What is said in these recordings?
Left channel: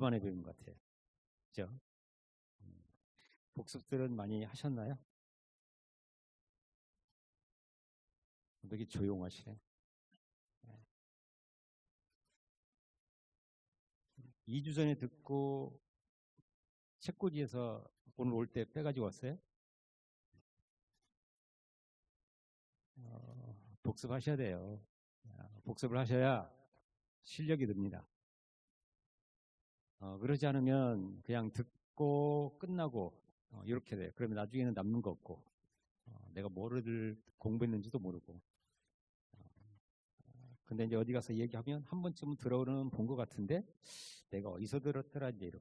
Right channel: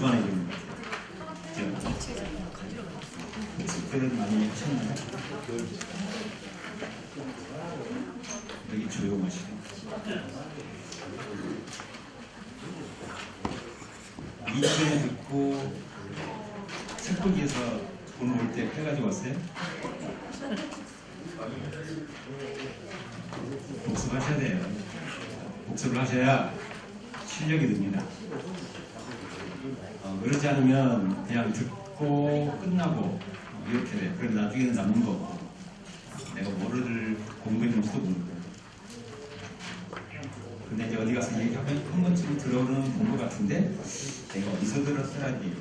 주만에 있는 것 같아요. 그런 많이 하셨나요? 여기 조용하시네. 이주에 듣고 책꽂이에서 돈 올 때 해가지고 왔어요? 복습하셔야 돼요. 복습을 하셔야 실력이 듭니다. 그렇지 않으면 그냥 듣고 끝나고 이렇게 돼. 그럼 나중에는 남는 거 없고 내가 뭐를 공부했는지도 모르고. 근데 이제 어디 가서 얘기하면 한 번쯤 들어오는 공부 같은데 내가 어디서 들었더라니.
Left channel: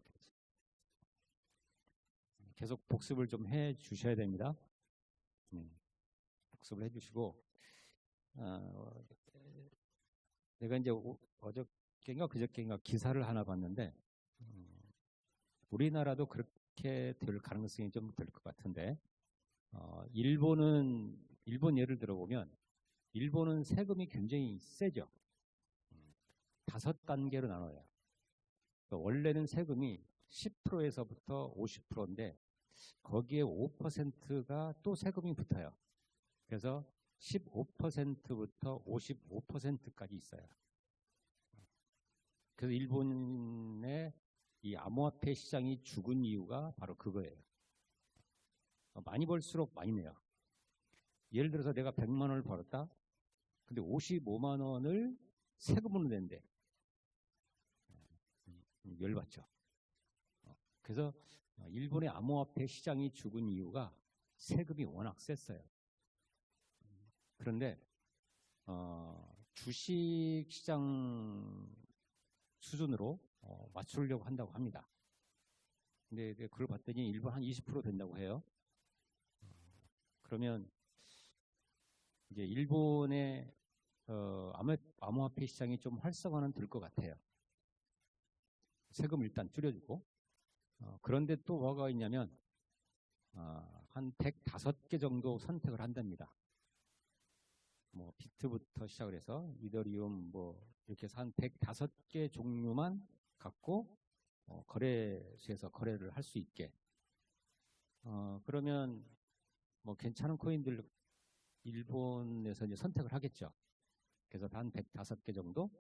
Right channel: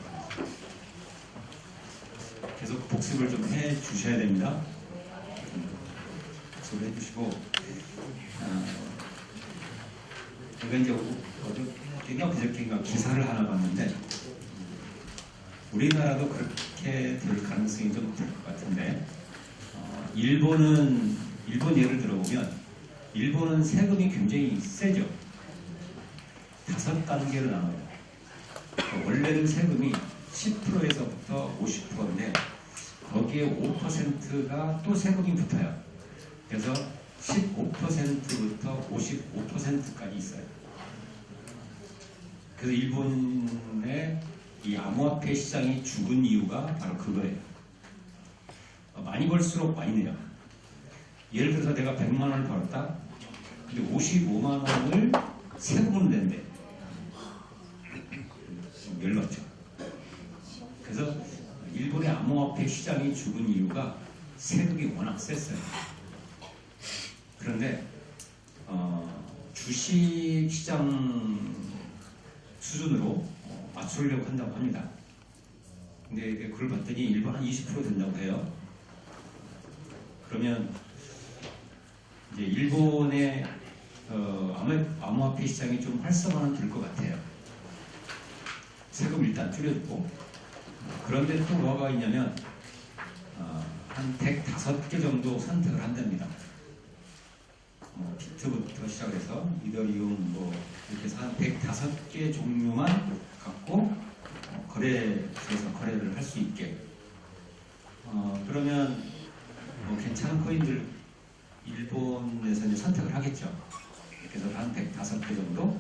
계속 복습을 좀 해 주셔야 됩니다. 복습을 해 주시고 제가 이제 어저께인가 기사를 하나 봤는데 우리나라도 그렇게 될 가능성이 좀 될 것 같은데 일본 예를 들어보면 일본은 세금이 굉장히 세죠. 5단계로 나눠요. 원래는 세금이 10%에서부터 50%인데 거기에 5%가 또 세금이 붙어요. 그래서 15%부터 55%까지 있어요. 그래서 일본의 이 암호화폐 시장이 죽은 이유가 바로 그거예요. 많이 벌수록 많이 내요. 예를 들어서 내가 100만 원을 벌었다. 근데 55만 원을 세금으로 낸대. 열받죠. 그래서 일본의 암호화폐 시장이 죽은 이유가 세금이 워낙 셌어요. 그런데 주식 시장 수준으로 맞추려고 한다고 합니다. 근데 그걸 봤더니 일본 한 20% 된다고 해요. 그러면 이제 일본의 암호화폐 시장이 좀 활성화는 될 것 같아요. 세금 일단 줄여주고. 그런데 또 뭐가 있냐면 한 105개 정도 선택을 한답니다. 비트부터 시작해서 이더리움 이렇게 해서 한 105개 종류만 갖고 거래소에서 거래를 할 수 있게. 그러면 괜찮은 코인들 일본에서 이제 선택을 하겠죠. 그래서 한 105개 정도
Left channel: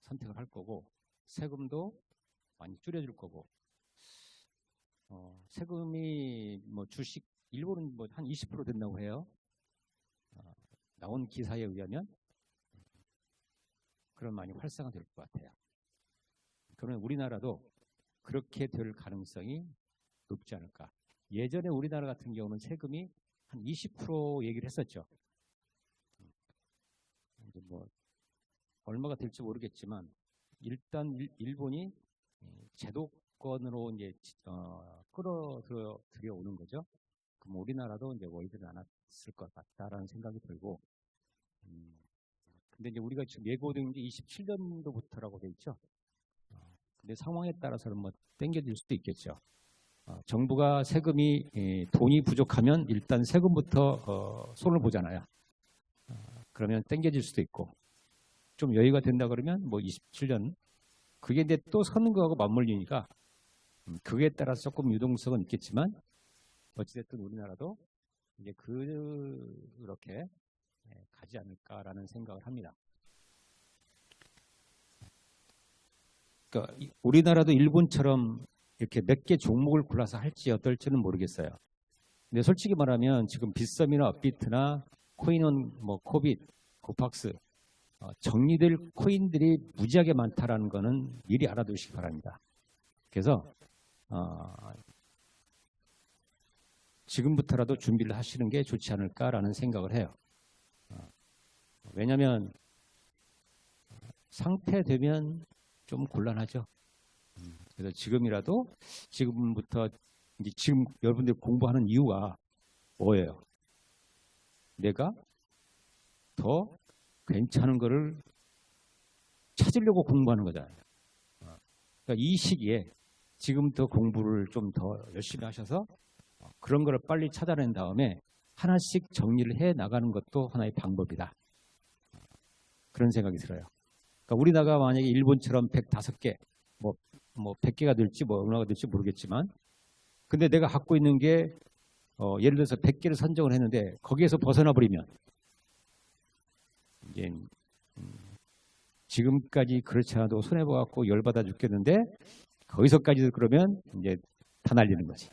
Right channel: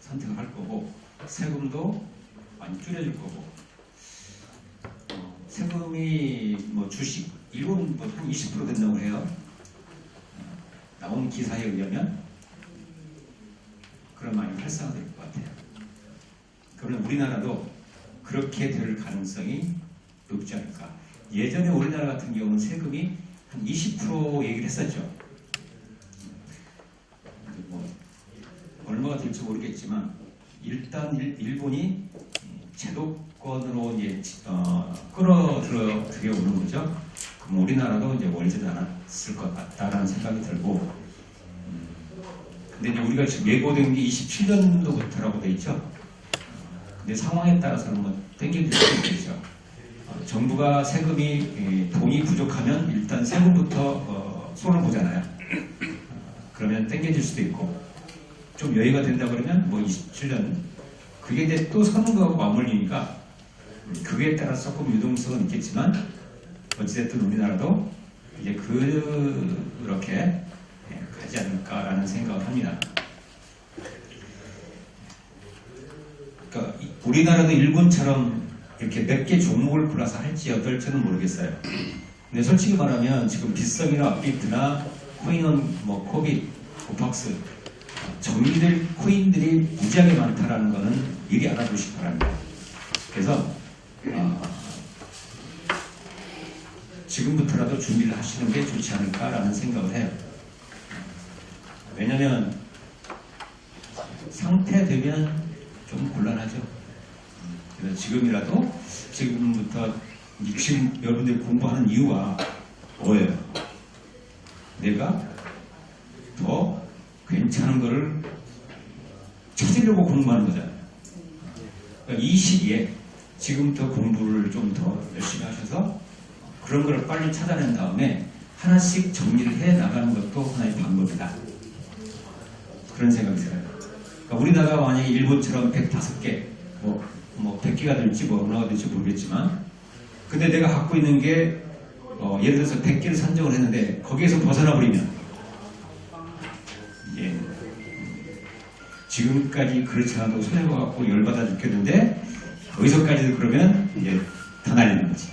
선택을 할 거고 세금도 많이 줄여줄 거고. 세금이 주식 일본 한 20% 된다고 해요. 나온 기사에 의하면 그런 많이 활성화될 것 같아요. 그러면 우리나라도 그렇게 될 가능성이 높지 않을까. 예전에 우리나라 같은 경우는 세금이 한 20% 얘기를 했었죠. 얼마가 될지 모르겠지만 일단 일본이 제도권으로 이제 끌어들여오는 거죠. 그럼 우리나라도 이제 월제도 않았을 것 같다라는 생각이 들고. 근데 이제 우리가 지금 예고된 게 27년도부터라고 돼 있죠. 근데 상황에 따라서는 땡겨질 수 있겠죠. 정부가 세금이 돈이 부족하면 일단 세금부터 손을 보잖아요. 그러면 땡겨질 수도 있고 좀 여유가 된다 그러면 27년 그게 이제 또 선거하고 맞물리니까 그게 따라 조금 유동성은 있겠지만 어찌됐든 우리나라도 이제 그렇게 가지 않을까라는 생각을 합니다. 그러니까 우리나라도 일본처럼 이렇게 몇 개 종목을 골라서 할지 어떨지는 모르겠어요. 근데 솔직히 말하면 지금 빗썸이나 업비트나 코인원, 코빗, 오팍스 정리될 코인들이 무지하게 많다라는 거는 미리 알아두시기 바랍니다. 그래서 지금부터라도 준비를 하시는 게 좋지 않을까라는 생각을 해요. 왜냐면 상태되면 좀 곤란하죠. 그래서 지금부터 지금 여러분들이 공부하는 이유가 뭐예요? 내가 더 괜찮은 거를 찾으려고 공부하는 거잖아요. 그러니까 이 시기에 지금부터 공부를 좀 더 열심히 하셔서 그런 거를 빨리 찾아낸 다음에 하나씩 정리를 해 나가는 것도 하나의 방법이다. 그런 생각이 들어요. 그러니까 우리나라가 만약에 일본처럼 105개 뭐 100개가 될지 뭐 얼마가 될지 모르겠지만, 근데 내가 갖고 있는 게 예를 들어서 100개를 선정을 했는데 거기에서 벗어나 버리면 이제 지금까지 그렇지 않아도 손해봐갖고 열받아 죽겠는데 거기서까지도 그러면 이제 다 날리는 거지.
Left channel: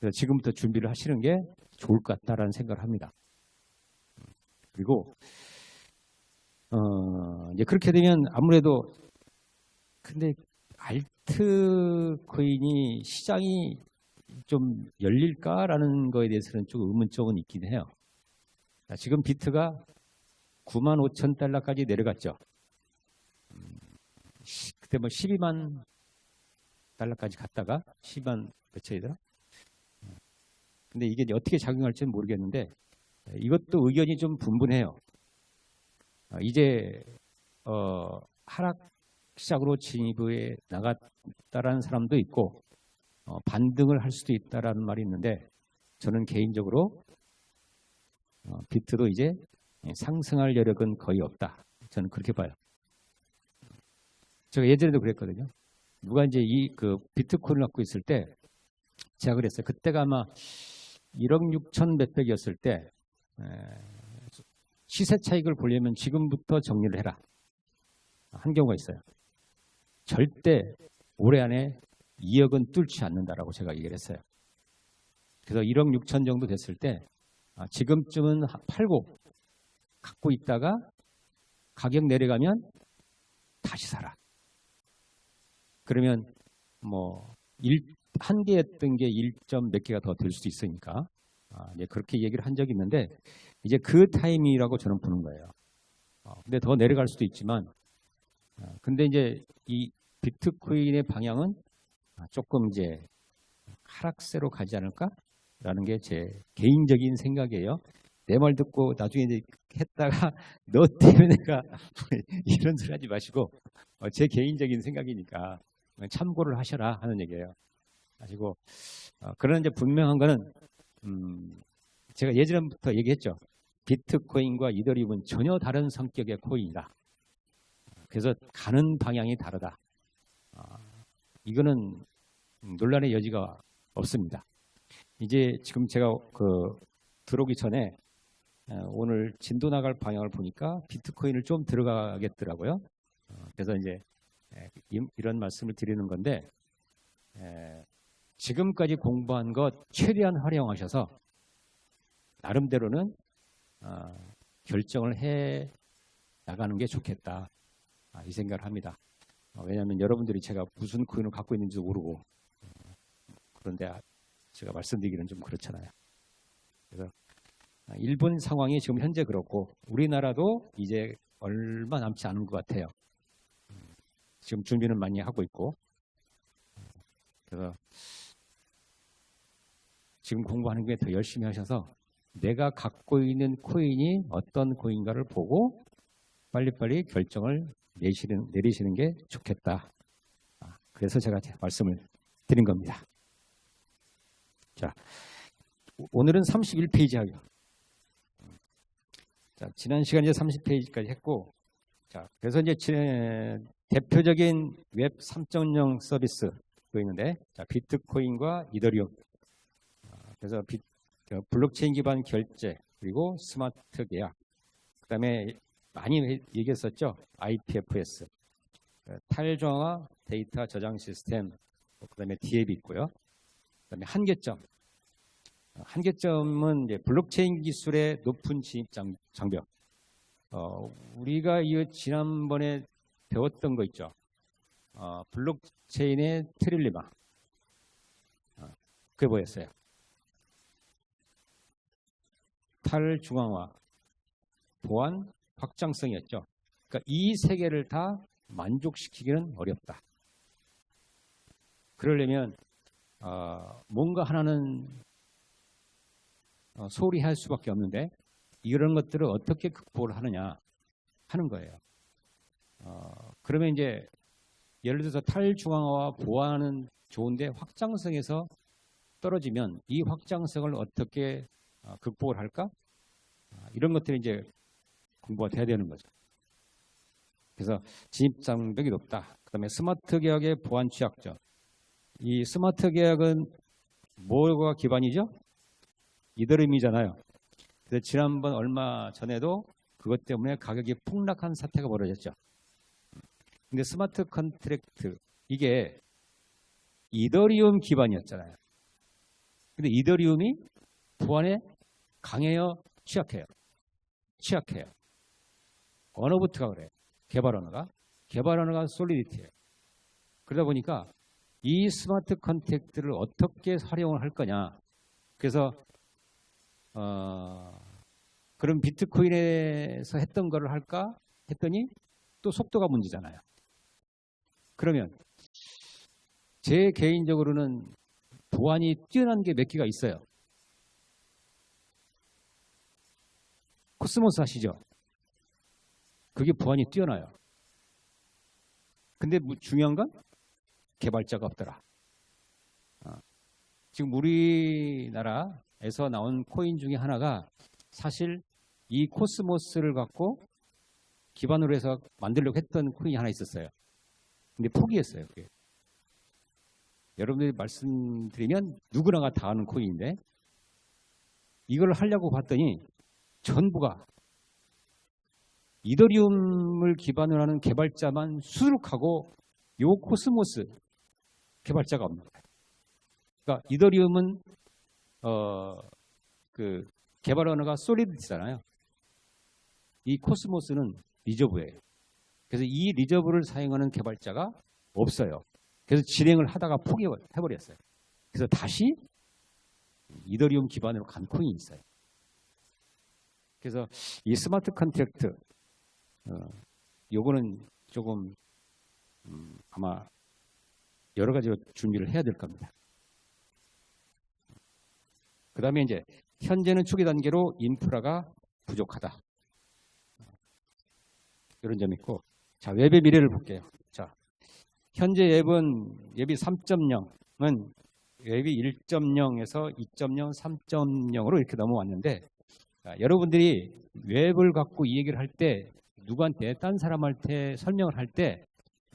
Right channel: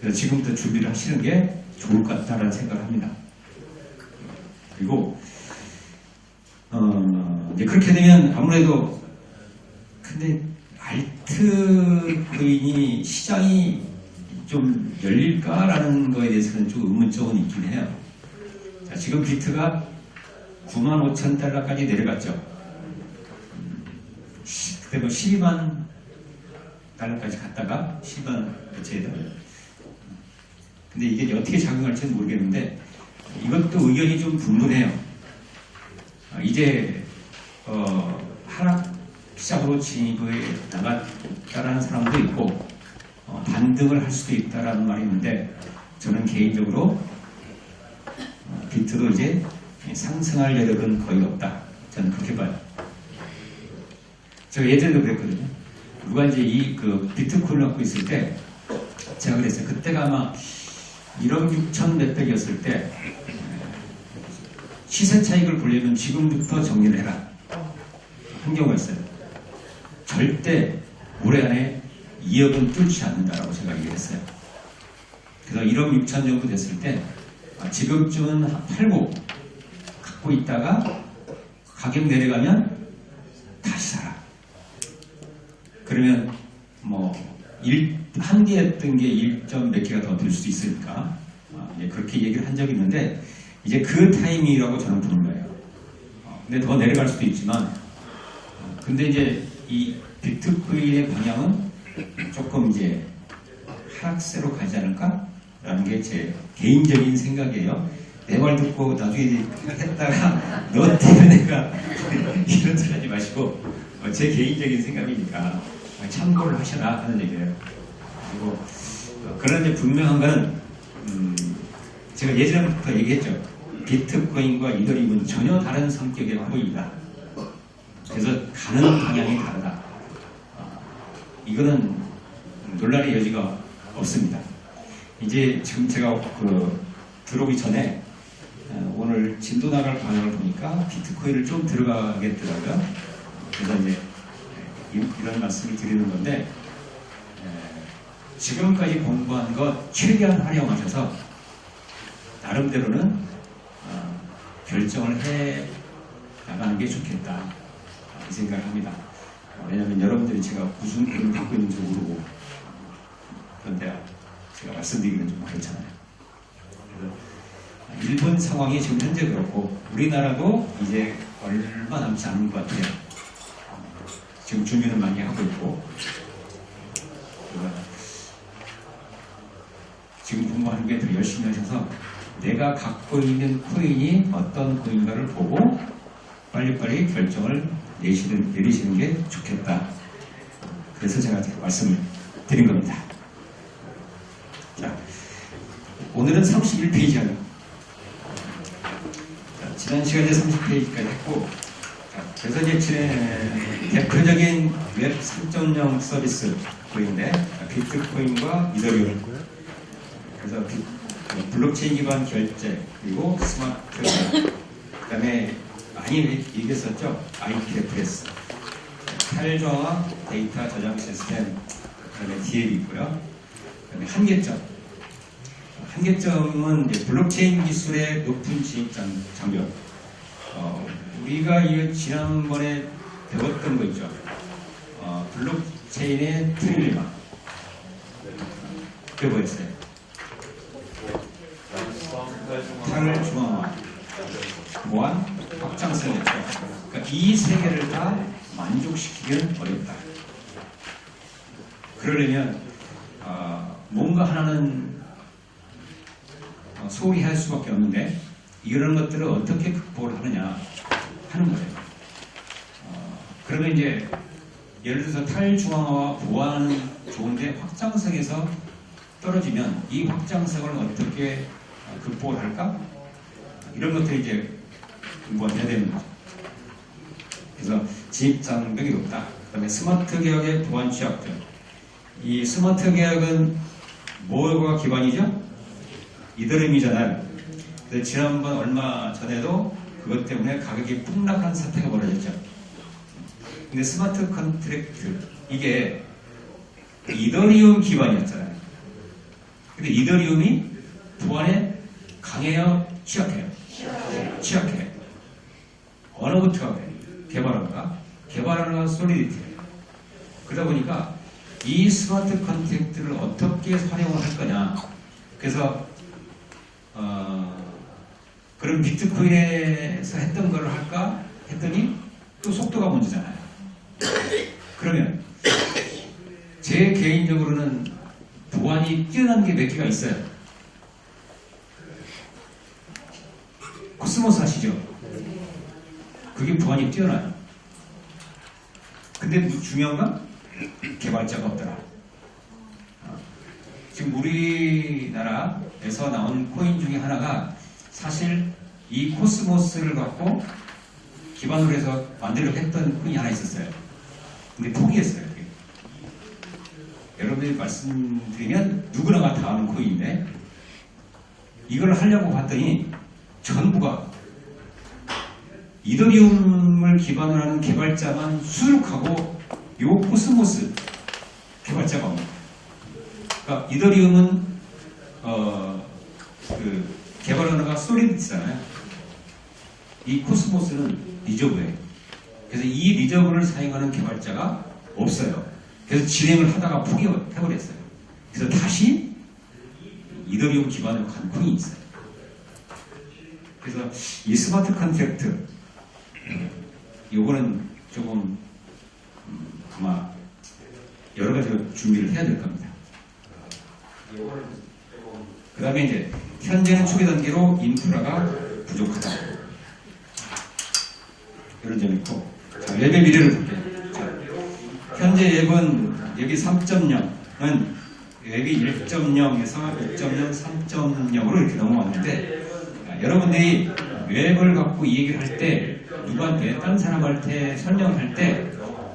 그래서 지금부터 준비를 하시는 게 좋을 것 같다라는 생각을 합니다. 그리고 이제 그렇게 되면 아무래도 근데 알트코인이 시장이 좀 열릴까라는 거에 대해서는 좀 의문점은 있긴 해요. 자, 지금 비트가 95,000달러까지 내려갔죠. 그때 뭐 12만 달러까지 갔다가 10만 몇채에다. 근데 이게 어떻게 작용할지는 모르겠는데 이것도 의견이 좀 분분해요. 이제 하락 시장으로 진입에 나갔다라는 사람도 있고 반등을 할 수도 있다라는 말이 있는데 저는 개인적으로 비트도 이제 상승할 여력은 거의 없다. 저는 그렇게 봐요. 제가 예전에도 그랬거든요. 누가 이제 그 비트코인을 갖고 있을 때 제가 그랬어요. 그때가 아마 1억 6천 몇백이었을 때 시세 차익을 보려면 지금부터 정리를 해라. 한 경우가 있어요. 절대 올해 안에 2억은 뚫지 않는다라고 제가 얘기를 했어요. 그래서 1억 6천 정도 됐을 때 지금쯤은 팔고 갖고 있다가 가격 내려가면 다시 사라. 그러면 뭐 한 개였던 게 1점 몇 개가 더 될 수도 있으니까 그렇게 얘기를 한 적이 있는데 이제 그 타이밍이라고 저는 부른 거예요. 근데 더 내려갈 수도 있지만 근데 이제 이 비트코인의 방향은 조금 이제 하락세로 가지 않을까라는 게 제 개인적인 생각이에요. 내 말 듣고 나중에 했다가 너 때문에 내가 이런 소리 하지 마시고 제 개인적인 생각이니까 참고를 하셔라 하는 얘기예요. 그리고 그런데 분명한 거는 제가 예전부터 얘기했죠. 비트코인과 이더리움은 전혀 다른 성격의 코인이다. 그래서 가는 방향이 다르다. 이거는 논란의 여지가 없습니다. 이제 지금 제가 들어오기 전에 오늘 진도 나갈 방향을 보니까 비트코인을 좀 들어가겠더라고요. 그래서 이제 이런 말씀을 드리는 건데 지금까지 공부한 것 최대한 활용하셔서 나름대로는 결정을 해 나가는 게 좋겠다 이 생각을 합니다. 왜냐하면 여러분들이 제가 무슨 코인을 갖고 있는지 모르고 그런데 제가 말씀드리기는 좀 그렇잖아요. 그래서 일본 상황이 지금 현재 그렇고 우리나라도 이제 얼마 남지 않은 것 같아요. 지금 준비를 많이 하고 있고 지금 공부하는 게 더 열심히 하셔서 내가 갖고 있는 코인이 어떤 코인가를 보고 빨리빨리 결정을 내리시는 게 좋겠다. 그래서 제가 말씀을 드린 겁니다. 자, 오늘은 31페이지 하죠. 지난 시간에 30페이지까지 했고 그래서 이제 대표적인 웹 3.0 서비스 코인인데 비트코인과 이더리움 그래서 블록체인 기반 결제 그리고 스마트 그 다음에 많이 얘기했었죠. IPFS 탈저와 데이터 저장 시스템 그 다음에 DL이 있고요. 그 다음에 한계점은 이제 블록체인 기술의 높은 진입 장벽 우리가 지난번에 배웠던 거 있죠. 블록체인의 트릴리마 그게 뭐였어요? 탈중앙화, 보안, 확장성이었죠. 그러니까 이 세 개를 다 만족시키기는 어렵다. 그러려면 뭔가 하나는 소홀히 할 수밖에 없는데 이런 것들을 어떻게 극복을 하느냐 하는 거예요. 그러면 이제 예를 들어서 탈중앙화와 보안은 좋은데 확장성에서 떨어지면 이 확장성을 어떻게 극복을 할까? 이런 것들이 이제 공부가 돼야 되는 거죠. 그래서 진입장벽이 높다. 그 그다음에 스마트 계약의 보안 취약점. 이 스마트 계약은 뭐가 기반이죠? 이더리움이잖아요. 근데 지난번 얼마 전에도 그것 때문에 가격이 폭락한 사태가 벌어졌죠. 근데 스마트 컨트랙트 이게 이더리움 기반이었잖아요. 근데 이더리움이 보안에 강해요? 취약해요? 취약해요. 어느부터 그래요? 개발하는가? 개발하는가 솔리디티예요. 그러다 보니까 이 스마트 컨트랙트를 어떻게 활용을 할 거냐. 그래서 그런 비트코인에서 했던 거를 할까 했더니 또 속도가 문제잖아요. 그러면 제 개인적으로는 보안이 뛰어난 게 몇 개가 있어요. 코스모스 아시죠? 그게 보안이 뛰어나요. 근데 중요한 건 개발자가 없더라. 지금 우리나라에서 나온 코인 중에 하나가 사실 이 코스모스를 갖고 기반으로 해서 만들려고 했던 코인이 하나 있었어요. 근데 포기했어요. 여러분들이 말씀드리면 누구나가 다 아는 코인인데 이걸 하려고 봤더니 전부가 이더리움을 기반으로 하는 개발자만 수룩하고 요 코스모스 개발자가 없는 거예요. 그러니까 이더리움은 그 개발 언어가 솔리디티잖아요. 이 코스모스는 리저브예요. 그래서 이 리저브를 사용하는 개발자가 없어요. 그래서 진행을 하다가 포기해버렸어요. 그래서 다시 이더리움 기반으로 간 코인이 있어요. 그래서 이 스마트 컨트랙트 요거는 조금 아마 여러 가지 준비를 해야 될 겁니다. 그 다음에 이제 현재는 초기 단계로 인프라가 부족하다. 이런 점이 있고, 자, 웹의 미래를 볼게요. 자, 현재 웹은 여기 3.0은 웹이 1.0에서 2.0, 3.0으로 이렇게 넘어왔는데 여러분들이 웹을 갖고 이 얘기를 할 때 누구한테 딴 사람한테 설명을 할 때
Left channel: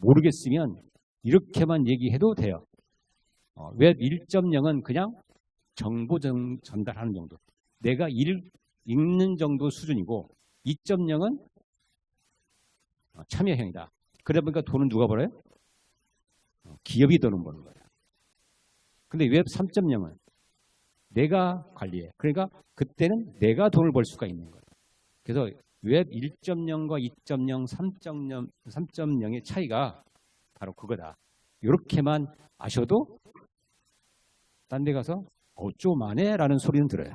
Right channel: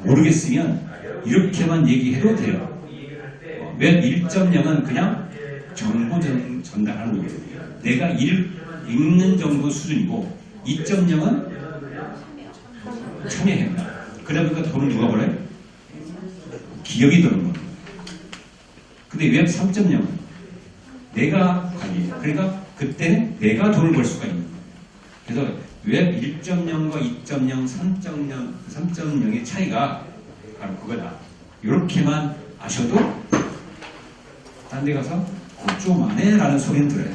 모르겠으면 이렇게만 얘기해도 돼요. 웹 1.0은 그냥 정보 전달하는 거예요. 내가 읽는 정도 수준이고 2.0은 참여행위다. 그러다 보니까 돈을 누가 벌어요? 기업이 드는 거예요. 근데 웹 3.0은 내가 관리해요. 그러니까 그때는 내가 돈을 벌 수가 있는 거예요. 그래서 웹 1.0과 2.0, 3.0의 차이가 바로 그거다. 이렇게만 아셔도 딴 데 가서 좀 안 해? 라는 소리는 들어요.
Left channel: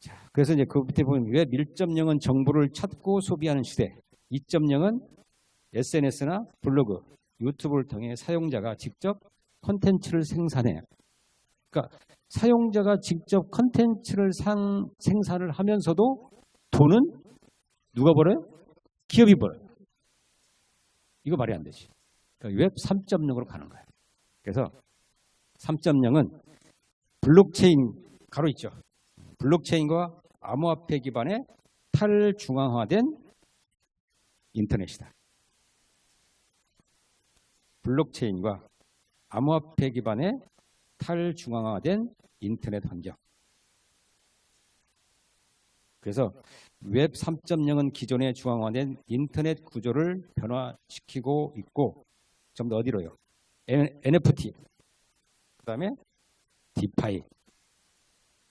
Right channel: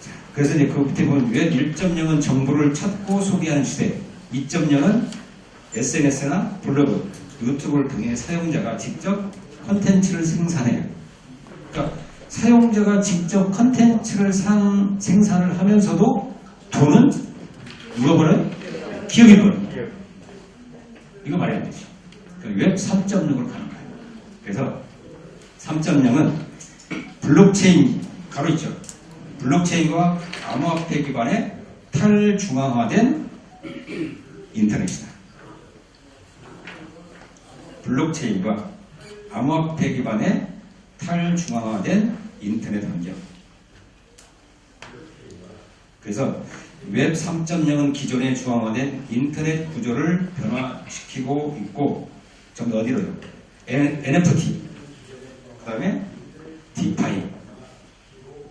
자, 그래서 이제 그 밑에 보면 웹 1.0은 정보를 찾고 소비하는 시대, 2.0은 SNS나 블로그, 유튜브를 통해 사용자가 직접 콘텐츠를 생산해요. 그러니까 사용자가 직접 콘텐츠를 생산을 하면서도 돈은 누가 벌어요? 기업이 벌어요. 이거 말이 안 되지. 그러니까 웹 3.0으로 가는 거예요. 그래서 3.0은 블록체인 가로 있죠. 블록체인과 암호화폐 기반의 탈중앙화된 인터넷이다. 블록체인과 암호화폐 기반의 탈중앙화된 인터넷 환경. 그래서 웹 3.0은 기존의 중앙화된 인터넷 구조를 변화시키고 있고, 좀 더 어디로요? NFT, 그 다음에 디파이,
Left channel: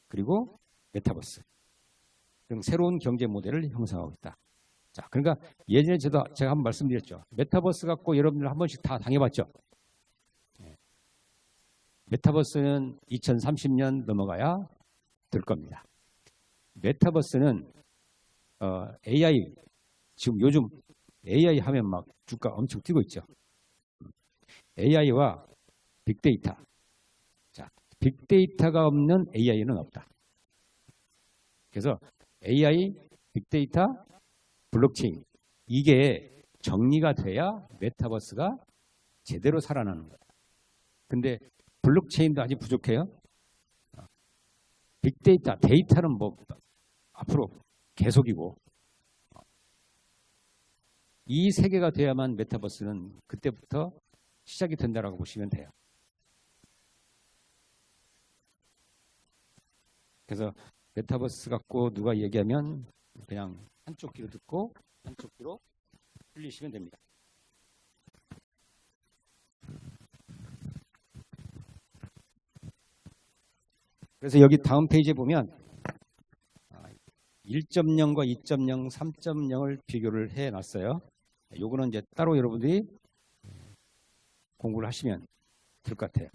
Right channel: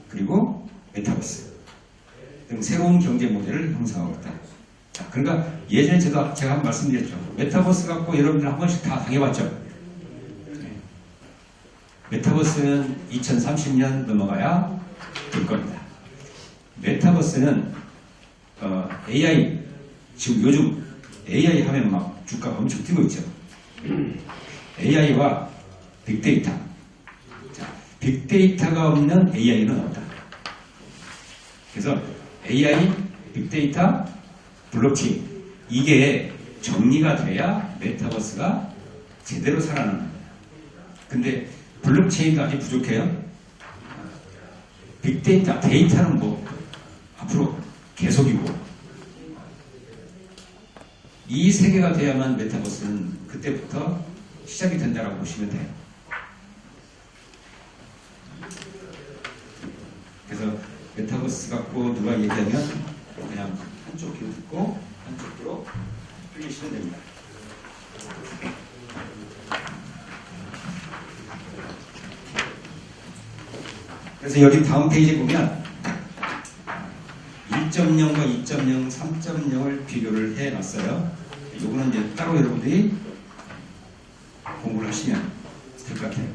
그리고 메타버스 등 새로운 경제 모델을 형성하고 있다. 자, 그러니까 예전에 제가 한번 말씀드렸죠. 메타버스 갖고 여러분들 한 번씩 다 당해봤죠. 메타버스는 2030년 넘어가야 될 겁니다. 메타버스는 AI, 지금 요즘 AI 하면 막 주가 엄청 뛰고 있죠. AI와 빅데이터. 자, 빅데이터가 없는 AI는 없다. 그래서 AI, 빅데이터, 블록체인, 이게 정리가 돼야 메타버스가 제대로 살아나는 거예요. 근데 블록체인도 아직 부족해요. 빅데이터, 데이터는 뭐 앞으로 계속이고, 이 세계가 돼야만 메타버스는 그때부터 시작이 된다라고 보시면 돼요. 그래서 메타버스 갖고 누가 얘기하면 그냥 한쪽 귀로 듣고 한쪽 귀로 흘리시면 됩니다. 그래서 여기 다음 페이지에 보면 1.0과 2.0, 3.0을 비교를 해놨어요. 요거는 이제 따로 여러분들이 공부를 하시면 될 것 같아요.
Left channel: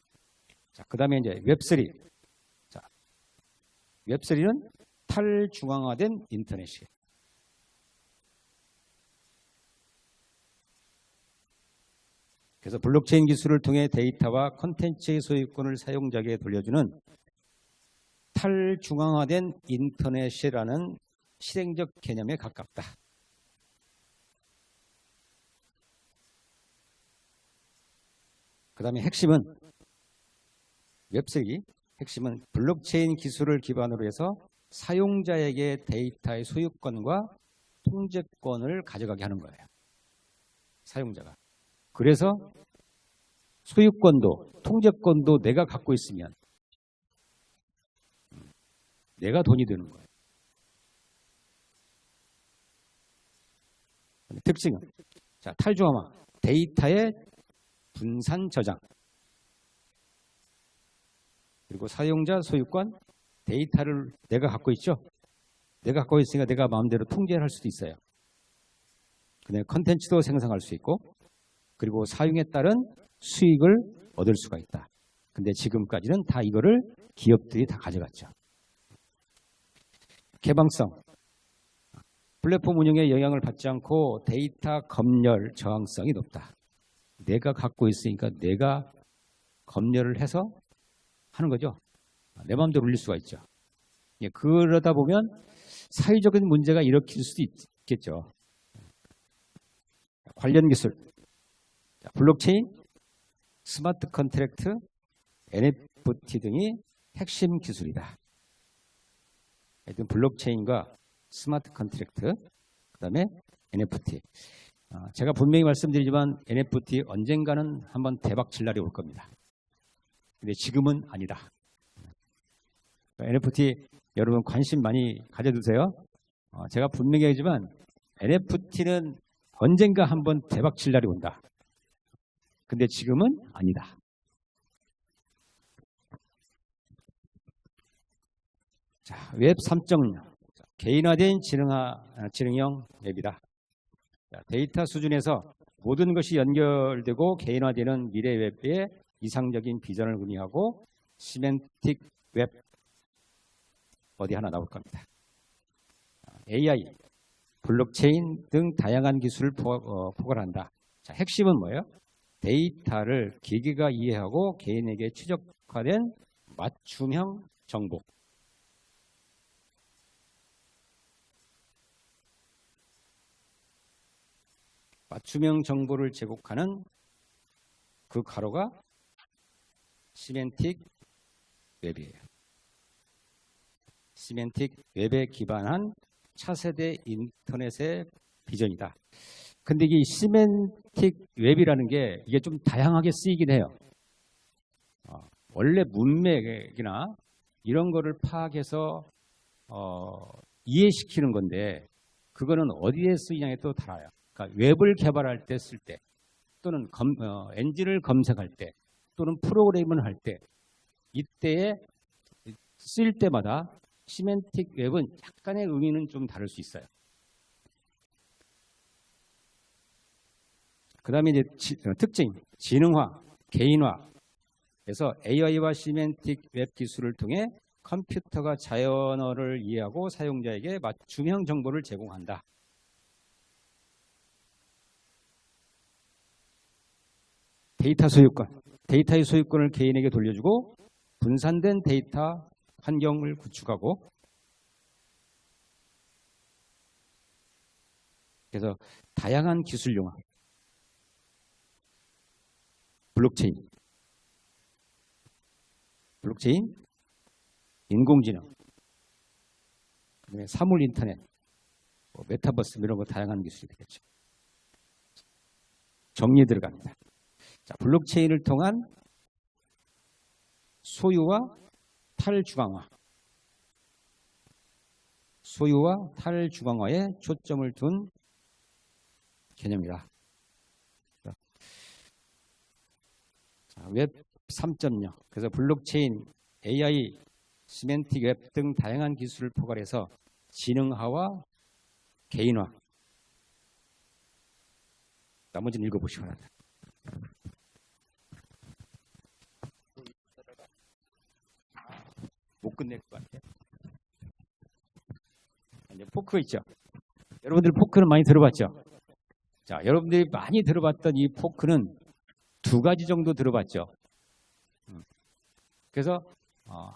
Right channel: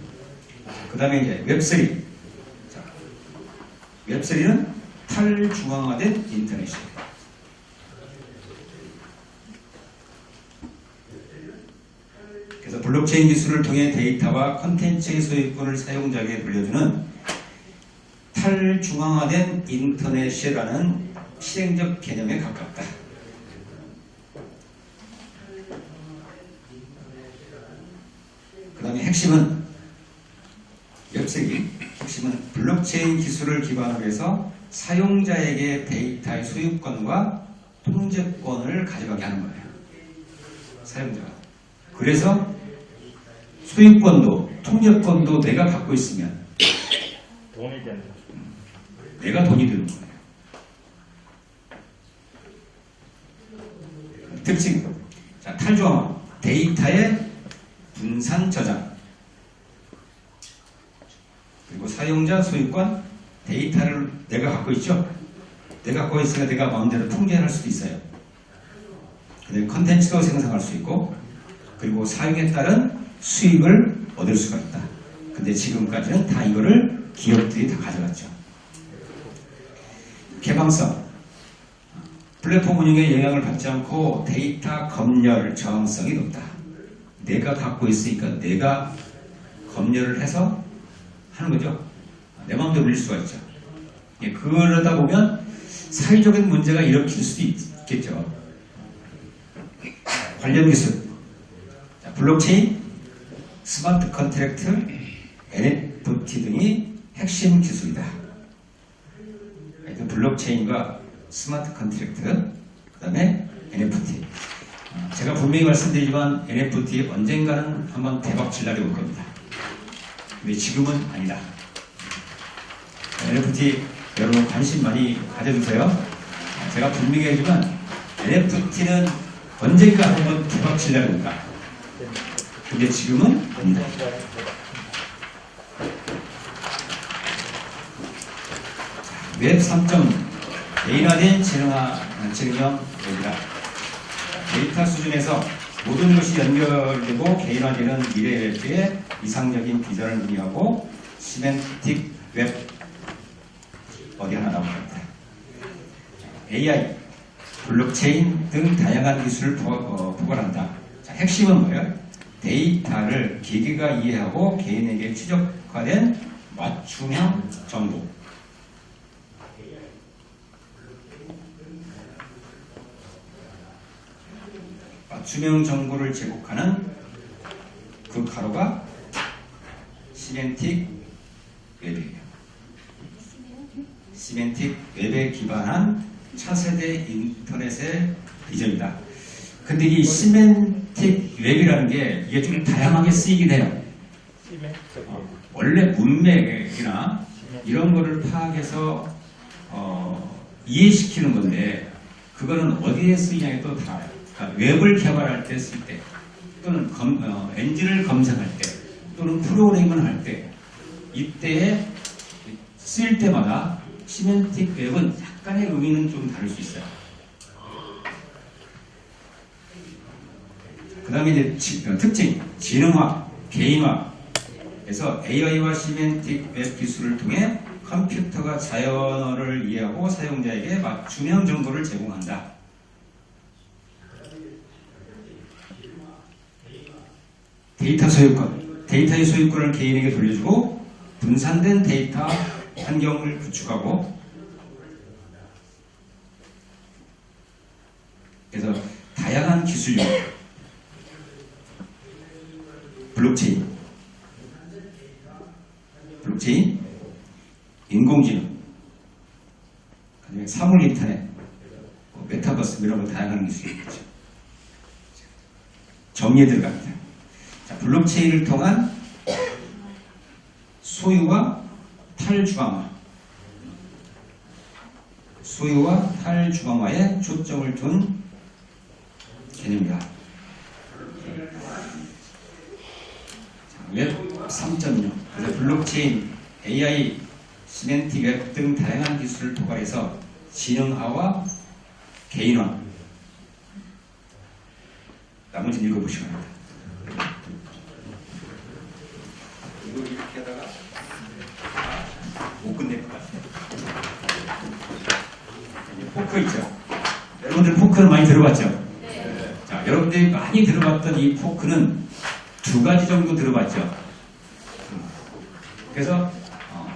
그 다음에 이제 웹3. 웹3는 탈중앙화된 인터넷이에요. 그래서 블록체인 기술을 통해 데이터와 콘텐츠의 소유권을 사용자에게 돌려주는 탈중앙화된 인터넷이라는 실행적 개념에 가깝다. 그 다음에 핵심은 웹3, 핵심은 블록체인 기술을 기반으로 해서 사용자에게 데이터의 소유권과 통제권을 가져가게 하는 거예요. 사용자가. 그래서 소유권도 통제권도 내가 갖고 있으면 돈이 된다. 내가 돈이 되는 거예요. 특징. 자, 탈중앙화. 데이터의 분산 저장. 그리고 사용자 소유권. 데이터를 내가 갖고 있죠. 내가 갖고 있으니까 내가 마음대로 통제할 수도 있어요. 그다음에 컨텐츠도 생성할 수 있고, 그리고 사용에 따른 수익을 얻을 수가 있다. 근데 지금까지는 다 이거를 기업들이 다 가져갔죠. 개방성. 플랫폼 운영에 영향을 받지 않고 데이터 검열 저항성이 높다. 내가 갖고 있으니까 내가 검열을 해서 하는 거죠. 내 마음대로 올릴 수가 있죠. 예, 그러다 보면 사회적인 문제가 일으킬 수도 있겠죠. 관련 기술. 자, 블록체인, 스마트 컨트랙트, NFT 등이 핵심 기술이다. 하여튼 블록체인과 스마트 컨트랙트, 그 다음에 NFT. 제가 분명히 말씀드리지만 NFT 언젠가는 한번 대박 칠 날이 올 겁니다. 근데 지금은 아니다. NFT 여러분 관심 많이 가져주세요. 제가 분명히 하지만 NFT는 언젠가 한번 대박 칠 날이 온다. 근데 지금은 아니다. 웹 3.0 개인화된 지능형 웹이다. 데이터 수준에서 모든 것이 연결되고 개인화되는 미래 웹의 이상적인 비전을 의미하고 시멘틱 웹 어디 하나 나옵니다. AI, 블록체인 등 다양한 기술을 포괄한다. 자, 핵심은 뭐예요? 데이터를 기계가 이해하고 개인에게 최적화된 맞춤형 정보. 맞춤형 정보를 제공하는 그 가로가 시멘틱 웹이에요. 시멘틱 웹에 기반한 차세대 인터넷의 비전이다. 근데 이 시멘틱 웹이라는 게 이게 좀 다양하게 쓰이긴 해요. 원래 문맥이나 이런 거를 파악해서 이해시키는 건데 그거는 어디에 쓰이냐에 또 달라요. 그러니까 웹을 개발할 때 쓸 때 또는 엔진을 검색할 때 또는 프로그래밍을 할 때 이때에 쓰일 때마다 시멘틱 웹은 약간의 의미는 좀 다를 수 있어요. 그 다음에 이제 특징, 지능화, 개인화에서 AI와 시멘틱 웹 기술을 통해 컴퓨터가 자연어를 이해하고 사용자에게 맞춤형 정보를 제공한다. 데이터 소유권, 데이터의 소유권을 개인에게 돌려주고 분산된 데이터 환경을 구축하고 그래서 다양한 기술력 블록체인, 인공지능, 사물 인터넷, 메타버스 이런 거 다양한 기술이 있죠. 정리에 들어갑니다. 자, 블록체인을 통한 소유와 탈주강화, 소유와 탈주강화에 초점을 둔 개념이다. 자, 웹 3.0, 그래서 블록체인, AI, 시멘틱 웹 등 다양한 기술을 포괄해서 지능화와 개인화, 나머지는 읽어보시면 됩니다. 이거 이렇게 하다가 못 끝낼 것 같아요. 포크 있죠? 여러분들 포크를 많이 들어봤죠? 네. 자, 여러분들이 많이 들어봤던 이 포크는 두 가지 정도 들어봤죠? 그래서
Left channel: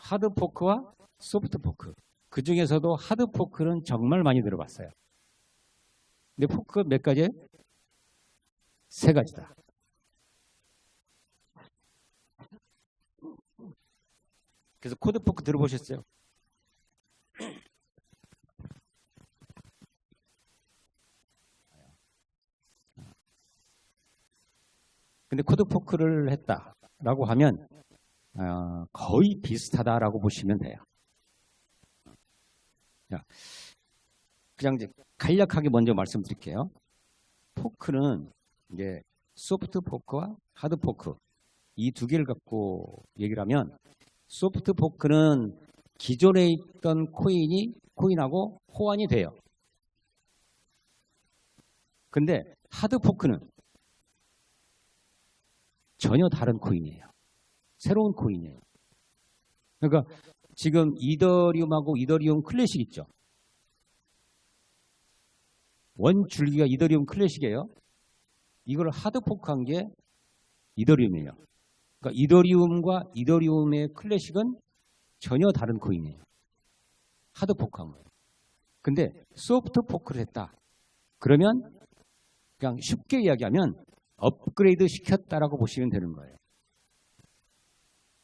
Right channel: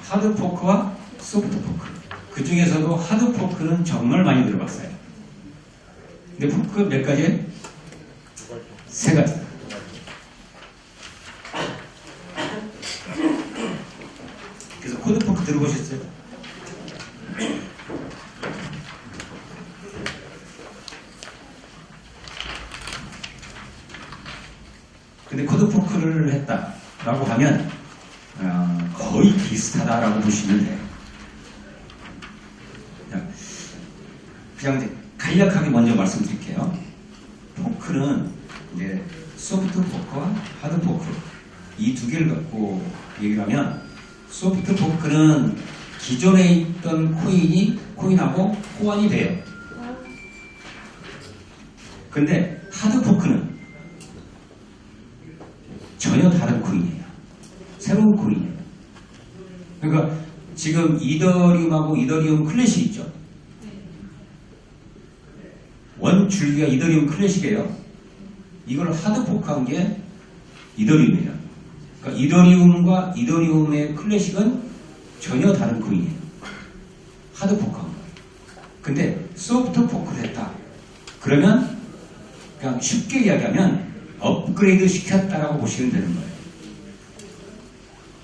하드 포크와 소프트 포크, 그 중에서도 하드 포크는 정말 많이 들어봤어요. 근데 포크가 몇 가지예요? 세 가지. 그래서 코드 포크 들어보셨어요? 근데 코드 포크를 했다라고 하면 거의 비슷하다라고 보시면 돼요. 그냥 이제 간략하게 먼저 말씀드릴게요. 포크는 이제 소프트 포크와 하드 포크 이 두 개를 갖고 얘기를 하면, 소프트 포크는 기존에 있던 코인하고 호환이 돼요. 근데 하드 포크는 전혀 다른 코인이에요. 새로운 코인이에요. 그러니까 지금 이더리움하고 이더리움 클래식 있죠. 원 줄기가 이더리움 클래식이에요. 이걸 하드 포크한 게 이더리움이에요. 그러니까 이더리움과 이더리움의 클래식은 전혀 다른 코인이에요. 하드 포크한 거예요. 근데 소프트 포크를 했다. 그러면 그냥 쉽게 이야기하면 업그레이드 시켰다라고 보시면 되는 거예요.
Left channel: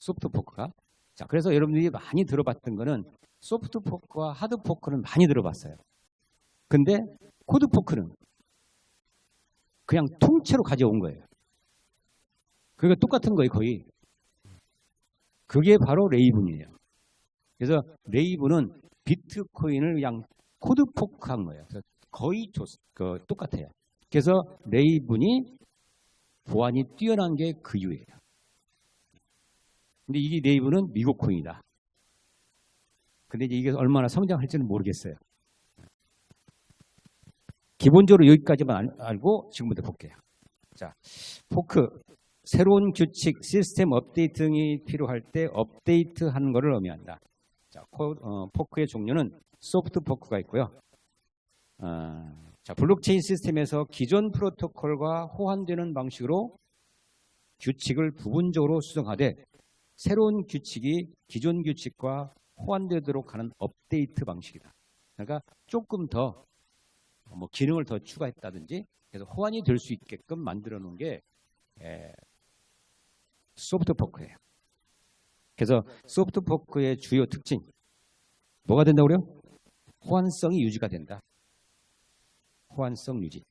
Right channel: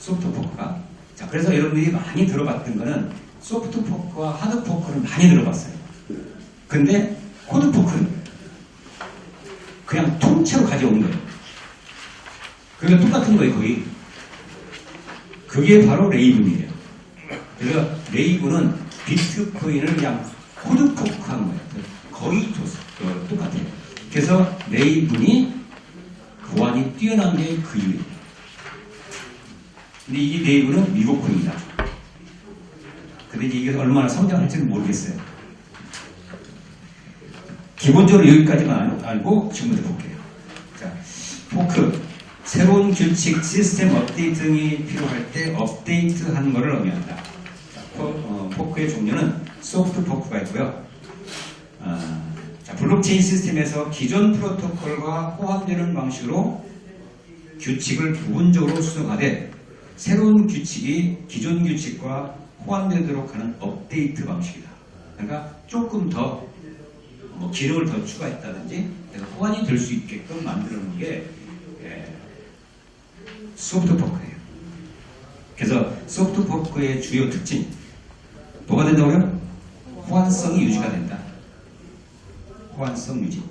소프트 포크가. 자, 그래서 여러분들이 많이 들어봤던 거는 소프트 포크와 하드 포크를 많이 들어봤어요. 근데 코드 포크는 그냥 통째로 가져온 거예요. 그러니까 똑같은 거예요, 거의. 그게 바로 레이븐이에요. 그래서 레이븐은 비트코인을 그냥 코드 포크한 거예요. 거의 똑같아요. 그래서 레이븐이 보안이 뛰어난 게 그 이유예요. 근데 이 레이븐은 미국 코인이다. 근데 이게 얼마나 성장할지는 모르겠어요. 기본적으로 여기까지만 알고 지금부터 볼게요. 자, 포크. 새로운 규칙, 시스템 업데이트 등이 필요할 때 업데이트하는 것을 의미한다. 자, 포크의 종류는 소프트 포크가 있고요. 자, 블록체인 시스템에서 기존 프로토콜과 호환되는 방식으로 규칙을 부분적으로 수정하되 새로운 규칙이 기존 규칙과 호환되도록 하는 업데이트 방식이다. 그러니까 조금 더 기능을 더 추가했다든지 호환이 될 수 있게끔 만들어 놓은 게 소프트 포크예요. 그래서 소프트 포크의 주요 특징 뭐가 된다고요? 호환성이 유지가 된다. 호환성 유지.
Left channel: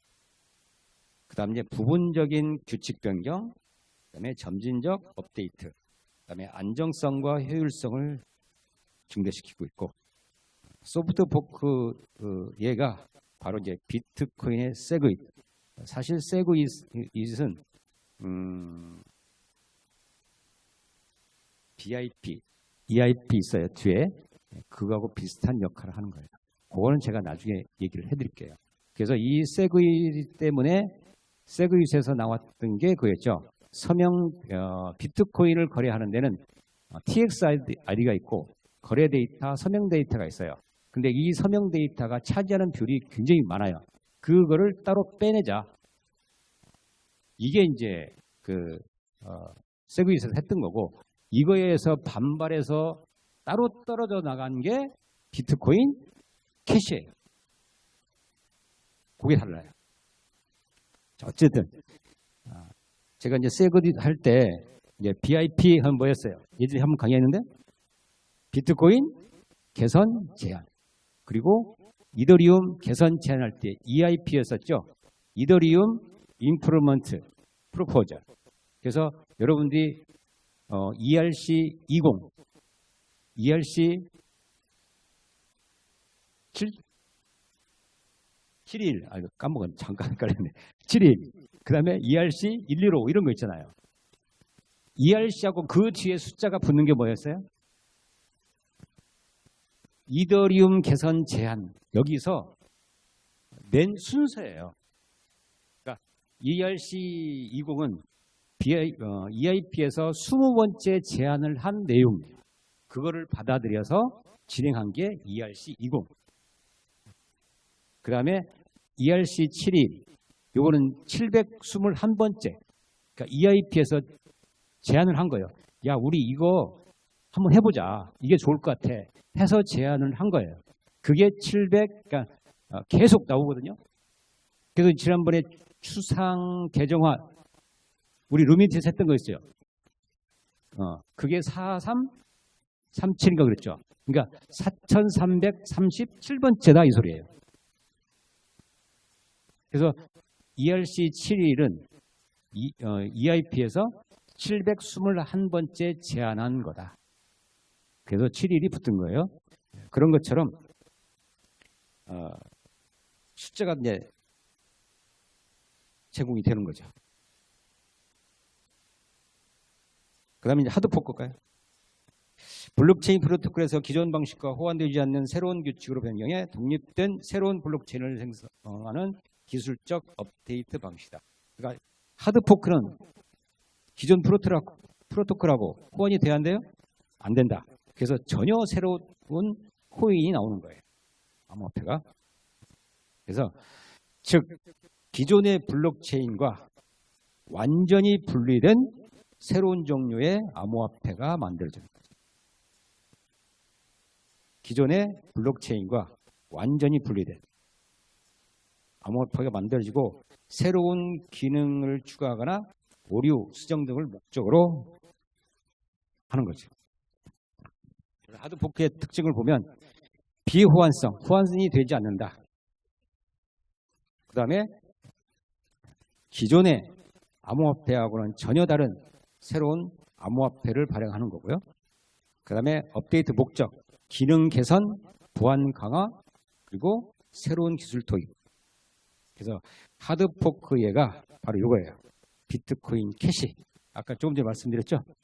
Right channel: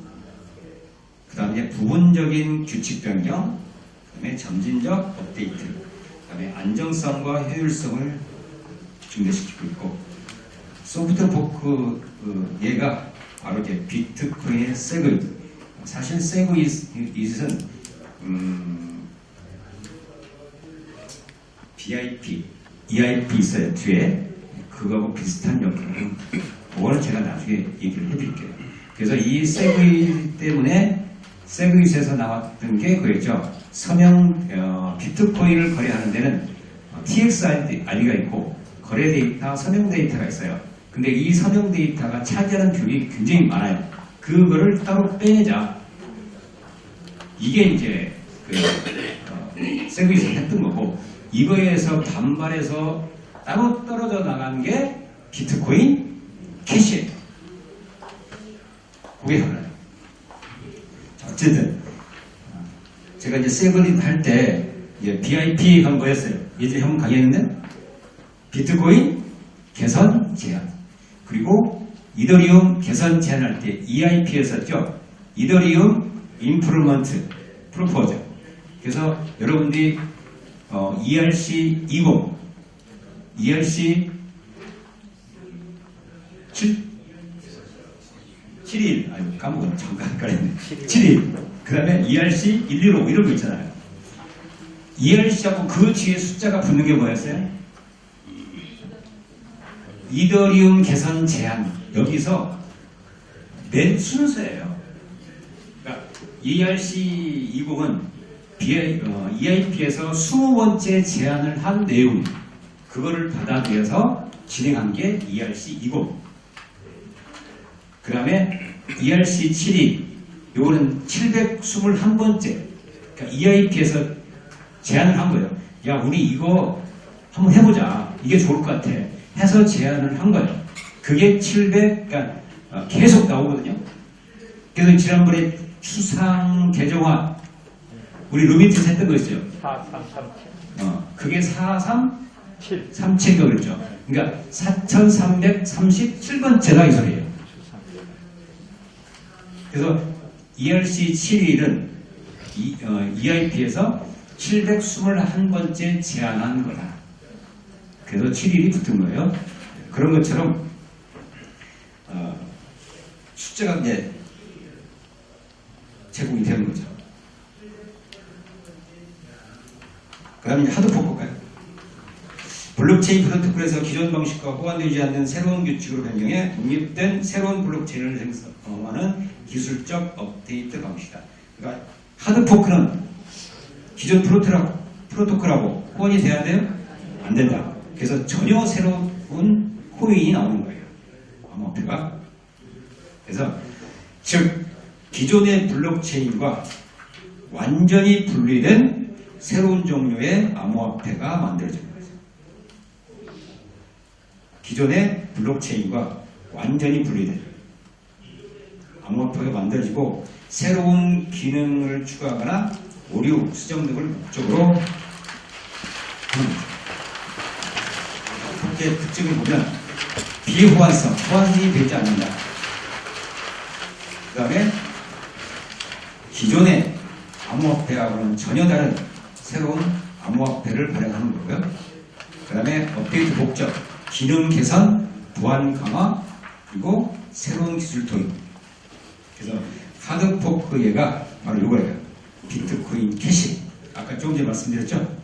그 다음에 이제 부분적인 규칙 변경, 그 다음에 점진적 업데이트, 그 다음에 안정성과 효율성을 증대시키고 있고, 소프트 포크 얘가 바로 이제 비트코인의 세그윗. 사실 세그윗은 BIP, EIP 있어요 뒤에. 그거하고 비슷한 역할을 합니다. 그거는 제가 나중에 얘기를 해드릴게요. 그래서 이 세그윗 때문에 세그윗에서 나왔던 게 그거였죠. 서명 비트코인을 거래하는 데는 TXID가 있고 거래 데이터, 서명 데이터가 있어요. 근데 이 서명 데이터가 차지하는 비율이 굉장히 많아요. 그거를 따로 빼내자. 이게 이제 세그윗에서 했던 거고, 이거에서 반발해서 따로 떨어져 나간 게 비트코인 캐시예요. 그게 달라요. 어쨌든 제가 이제 세그릿 할 때 BIP가 뭐였어요? 예전에 한번 강의했는데 비트코인 개선 제한, 그리고 이더리움 개선 제한할 때 EIP 했었죠. 이더리움 임프루먼트 프로포즈. 그래서 여러분들이 ERC 20, ERC 71, 아유 까먹었네. 잠깐 헷갈렸네. 71. 그 다음에 ERC 115 이런 거 있잖아요. ERC하고 그 뒤에 숫자가 붙는 게 뭐였어요? 이더리움 개선 제한. 여기서 맨 순서예요. 그러니까 ERC 20은 EIP에서 20번째 제안을 한 내용, 그거를 받아들여서 진행한 게 ERC 20. 그 다음에 ERC 72, 요거는 721번째. 그러니까 EIP에서 제안을 한 거예요. 야, 우리 이거 한번 해보자. 이게 좋을 것 같아. 해서 제안을 한 거예요. 그게 700, 그러니까 계속 나오거든요. 그래서 지난번에 추상 개정화, 우리 루미트 했던 거 있어요. 4337. 그게 7. 4337가 그랬죠. 그러니까 4337번째다 이 소리예요. 그래서 ERC 71은 EIP에서 721번째 제안한 거다. 그래서 7일이 붙은 거예요. 그런 것처럼 숫자가 이제 제공이 되는 거죠. 그 다음에 하드포크가요. 블록체인 프로토콜에서 기존 방식과 호환되지 않는 새로운 규칙으로 변경해 독립된 새로운 블록체인을 생성하는 기술적 업데이트 방식이다. 그러니까 하드포크는 기존 프로토콜하고 호환이 돼야 돼요? 안 된다. 그래서 전혀 새로운 코인이 나오는 거예요. 암호화폐가. 그래서 즉 기존의 블록체인과 완전히 분리된 새로운 종류의 암호화폐가 만들어진 거죠. 기존의 블록체인과 완전히 분리된 암호화폐가 만들어지고 새로운 기능을 추가하거나 오류, 수정 등을 목적으로 하는 거죠. 함께 특징을 보면 비호환성, 호환이 되지 않는다. 그 다음에 기존의 암호화폐하고는 전혀 다른 새로운 암호화폐를 발행하는 거고요. 그 다음에 업데이트 목적, 기능 개선, 보안 강화, 그리고 새로운 기술 도입. 그래서 하드포크예가 바로 이거예요. 비트코인 캐시. 아까 조금 전에 말씀드렸죠?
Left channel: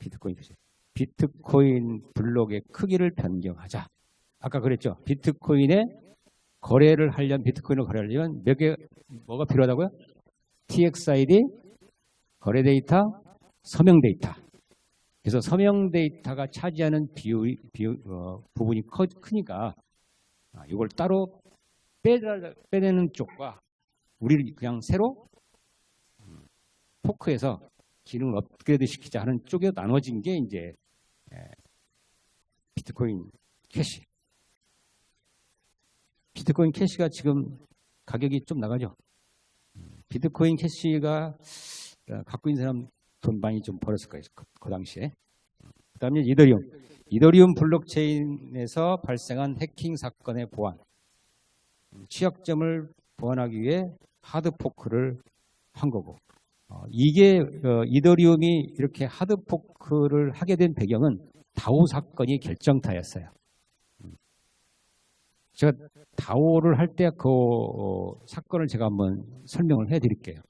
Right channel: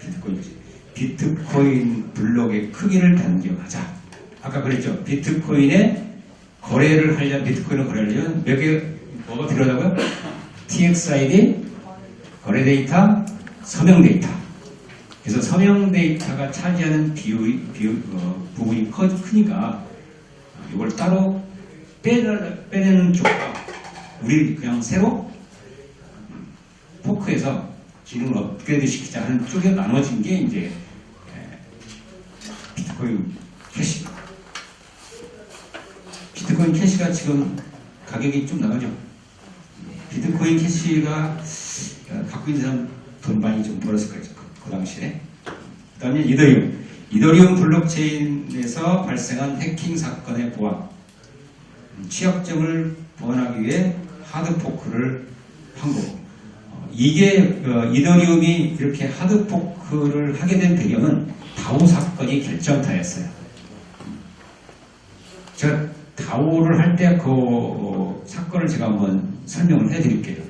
비트코인 캐시. 비트코인 블록의 크기를 변경하자. 아까 그랬죠? 비트코인의 거래를 하려면, 비트코인을 거래하려면 몇 개, 뭐가 필요하다고요? TXID, 거래 데이터, 서명 데이터. 그래서 서명 데이터가 차지하는 부분이 크니까 이걸 따로 빼내는 쪽과 우리 그냥 새로 포크에서 기능을 업그레이드 시키자 하는 쪽에 나눠진 게 이제 비트코인 캐시. 비트코인 캐시가 지금 가격이 좀 나가죠. 비트코인 캐시가 갖고 있는 사람 돈 많이 좀 벌었을 거예요. 그 당시에. 그 다음에 이더리움. 이더리움 블록체인에서 발생한 해킹 사건의 보안. 취약점을 보완하기 위해 하드포크를 한 거고. 이게 이더리움이 이렇게 하드포크를 하게 된 배경은 다오 사건이 결정타였어요. 제가 다오를 할 때 그 사건을 제가 한번 설명을 해드릴게요.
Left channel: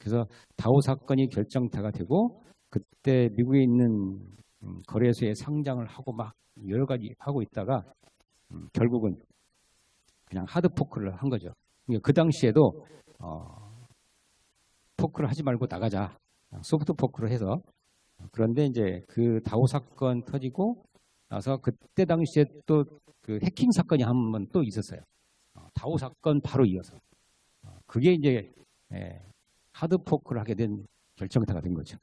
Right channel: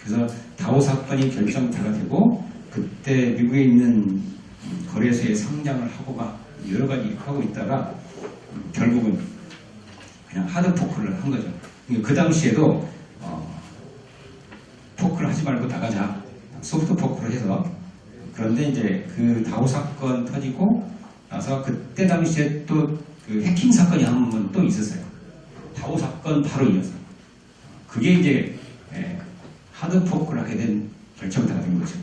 그래서 다오 사건이 결정타가 되고 그때 미국에 있는 거래소에 상장을 하고 막 여러 가지 하고 있다가 결국은 그냥 하드포크를 한 거죠. 그 당시에도 포크를 하지 말고 나가자. 소프트 포크를 해서. 그런데 이제 그 다오 사건 터지고 나서 그때 당시에 또 그 해킹 사건이 한 번 또 있었어요. 다오 사건 바로 이어서. 그게 이제 하드 포크를 하게 된 결정타가 된 거죠.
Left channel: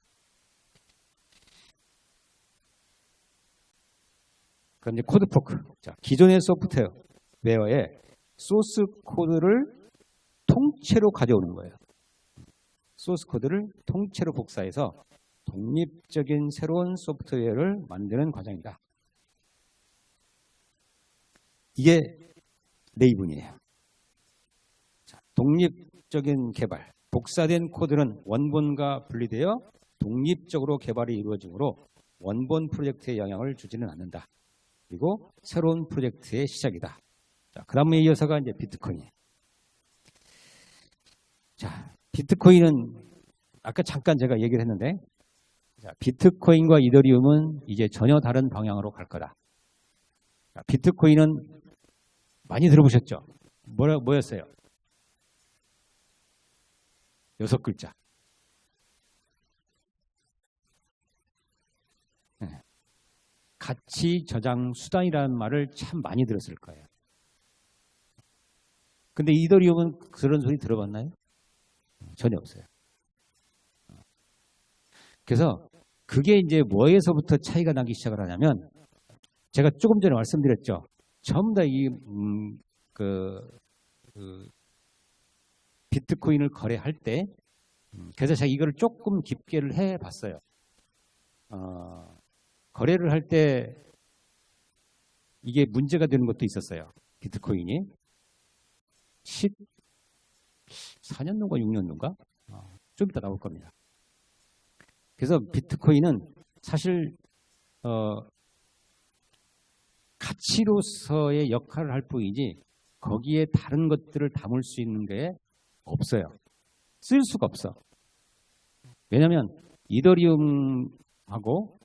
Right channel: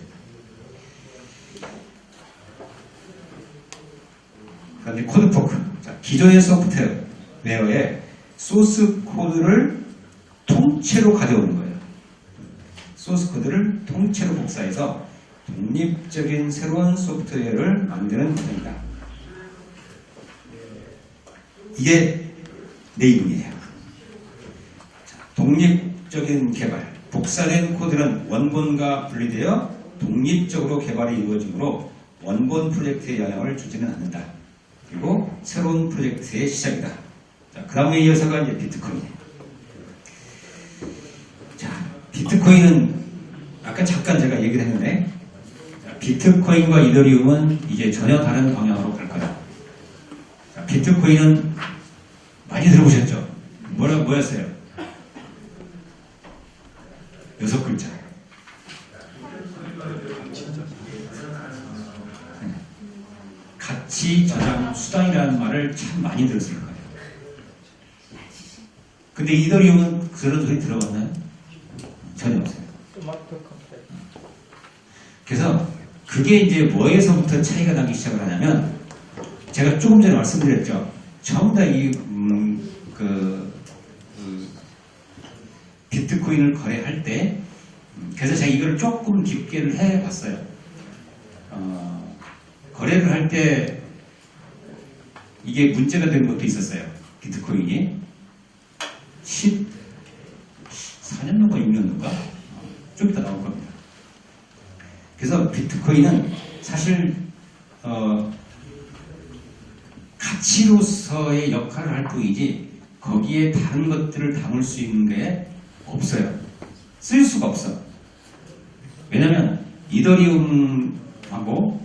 그런데 코드 포크. 자, 기존의 소프트웨어에 소스 코드를 통째로 가져오는 거예요. 소스 코드를 통째로 복사해서 독립적인 새로운 소프트웨어를 만드는 과정이다. 이게 네이밍이에요. 독립적인 개발, 복사된 코드는 원본과 분리되어 독립적으로 개발이 이루어지므로 원본 프로젝트에 영향을 주지는 않는다. 그리고 새로운 프로젝트의 시작이다. 자, 그 다음에 이어서가 이제 비트코인. 자, 비트코인은 아까 잠깐 제가 얘기를 했는데, 자, 비트코인과 이더리움은 이제 전혀 다른 방향으로 갈 거다. 자, 비트코인은 많이 들어보셨죠? 뭐였어요? 6글자. 가치 저장 수단이라는 말을 참 많이 들었을 거예요. 근데 이더리움은 그런 소리 들어봤나요? 전혀 없어요. 그래서 그게 이제 뭐에서부터 차이가 나기 시작을 하냐면, 제가 조금 전에 말씀드렸죠. 전부 다 이 비트코인을 거래할 때, 그래서 제가 이걸 조금 깊게를 해봤어요. 거래를 할 때 이게 문제가 되는 것도 있었어요. 비트코인이 14년도인가 6년도인가 좀 이따 나올 겁니다. 그래서 비트코인은 사실 가치로서의 역할을 할 뿐이지 거기에 다른 것들을 담을 수 있는 게 없어요. 쓸 수가 없어. 왜냐하면 이더리움하고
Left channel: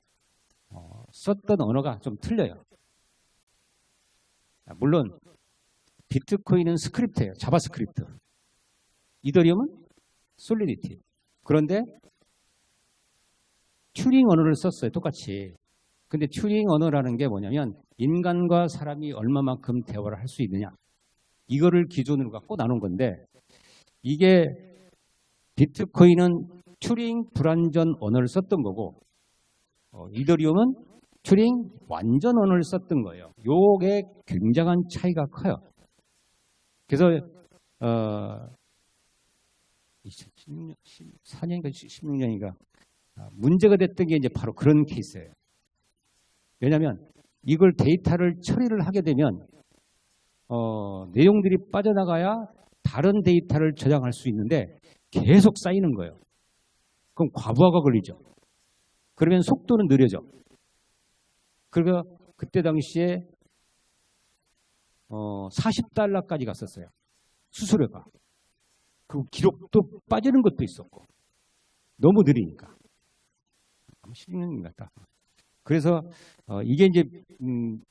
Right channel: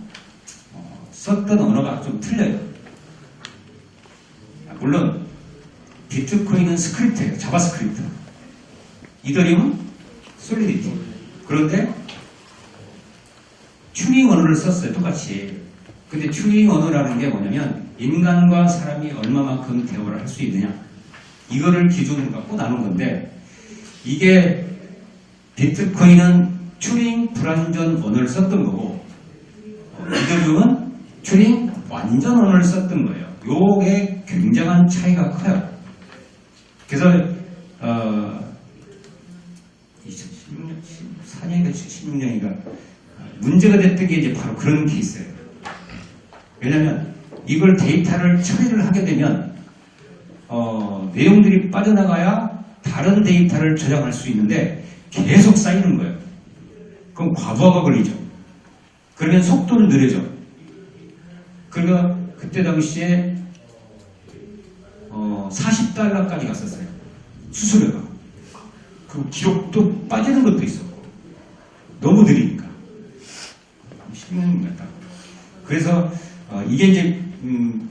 썼던 언어가 좀 틀려요. 물론 비트코인은 스크립트예요. 자바스크립트. 이더리움은 솔리디티. 그런데 튜링 언어를 썼어요. 똑같이. 근데 튜링 언어라는 게 뭐냐면 인간과 사람이 얼마만큼 대화를 할 수 있느냐, 이거를 기준으로 갖고 나눈 건데, 이게 비트코인은 튜링 불완전 언어를 썼던 거고, 이더리움은 튜링 완전 언어를 썼던 거예요. 요게 굉장한 차이가 커요. 그래서 2016년, 14년인가 16년인가 문제가 됐던 게 이제 바로 그런 케이스예요. 왜냐하면 이걸 데이터를 처리를 하게 되면 내용들이 빠져나가야 다른 데이터를 저장할 수 있는데 계속 쌓이는 거예요. 그럼 과부하가 걸리죠. 그러면 속도는 느려져. 그러니까 그때 당시에 40달러까지 갔었어요. 수수료가. 그 기록도 빠지는 것도 있었고 너무 느리니까 16년 같다. 그래서 이게 이제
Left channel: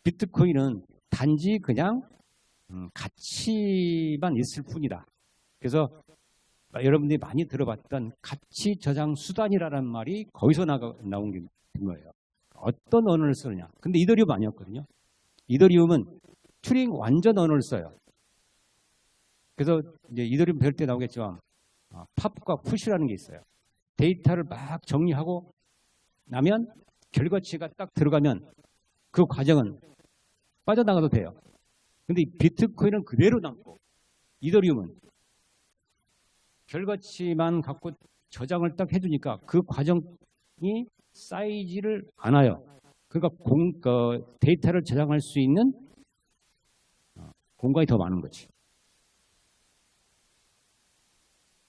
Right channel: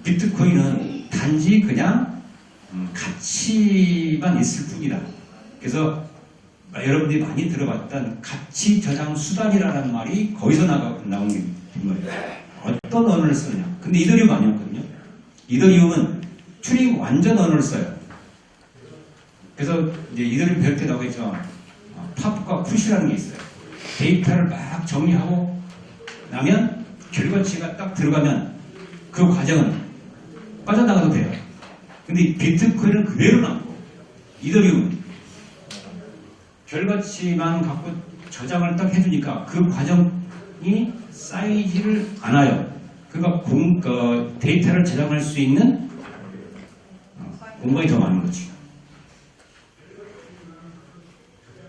비트코인은 단지 그냥 가치만 있을 뿐이다. 그래서 여러분들이 많이 들어봤던 가치 저장 수단이라는 말이 거기서 나온 게 된 거예요. 어떤 언어를 쓰느냐. 근데 이더리움 아니었거든요. 이더리움은 튜링 완전 언어를 써요. 그래서 이제 이더리움 배울 때 나오겠죠. 팝과 푸시라는 게 있어요. 데이터를 막 정리하고 나면 결과치가 딱 들어가면 그 과정은 빠져나가도 돼요. 근데 비트코인은 그대로 남고, 이더리움은 결과치만 갖고 저장을 딱 해주니까 그 과정이 쌓이지를 않아요. 그러니까 데이터를 저장할 수 있는 공간이 더 많은 거지.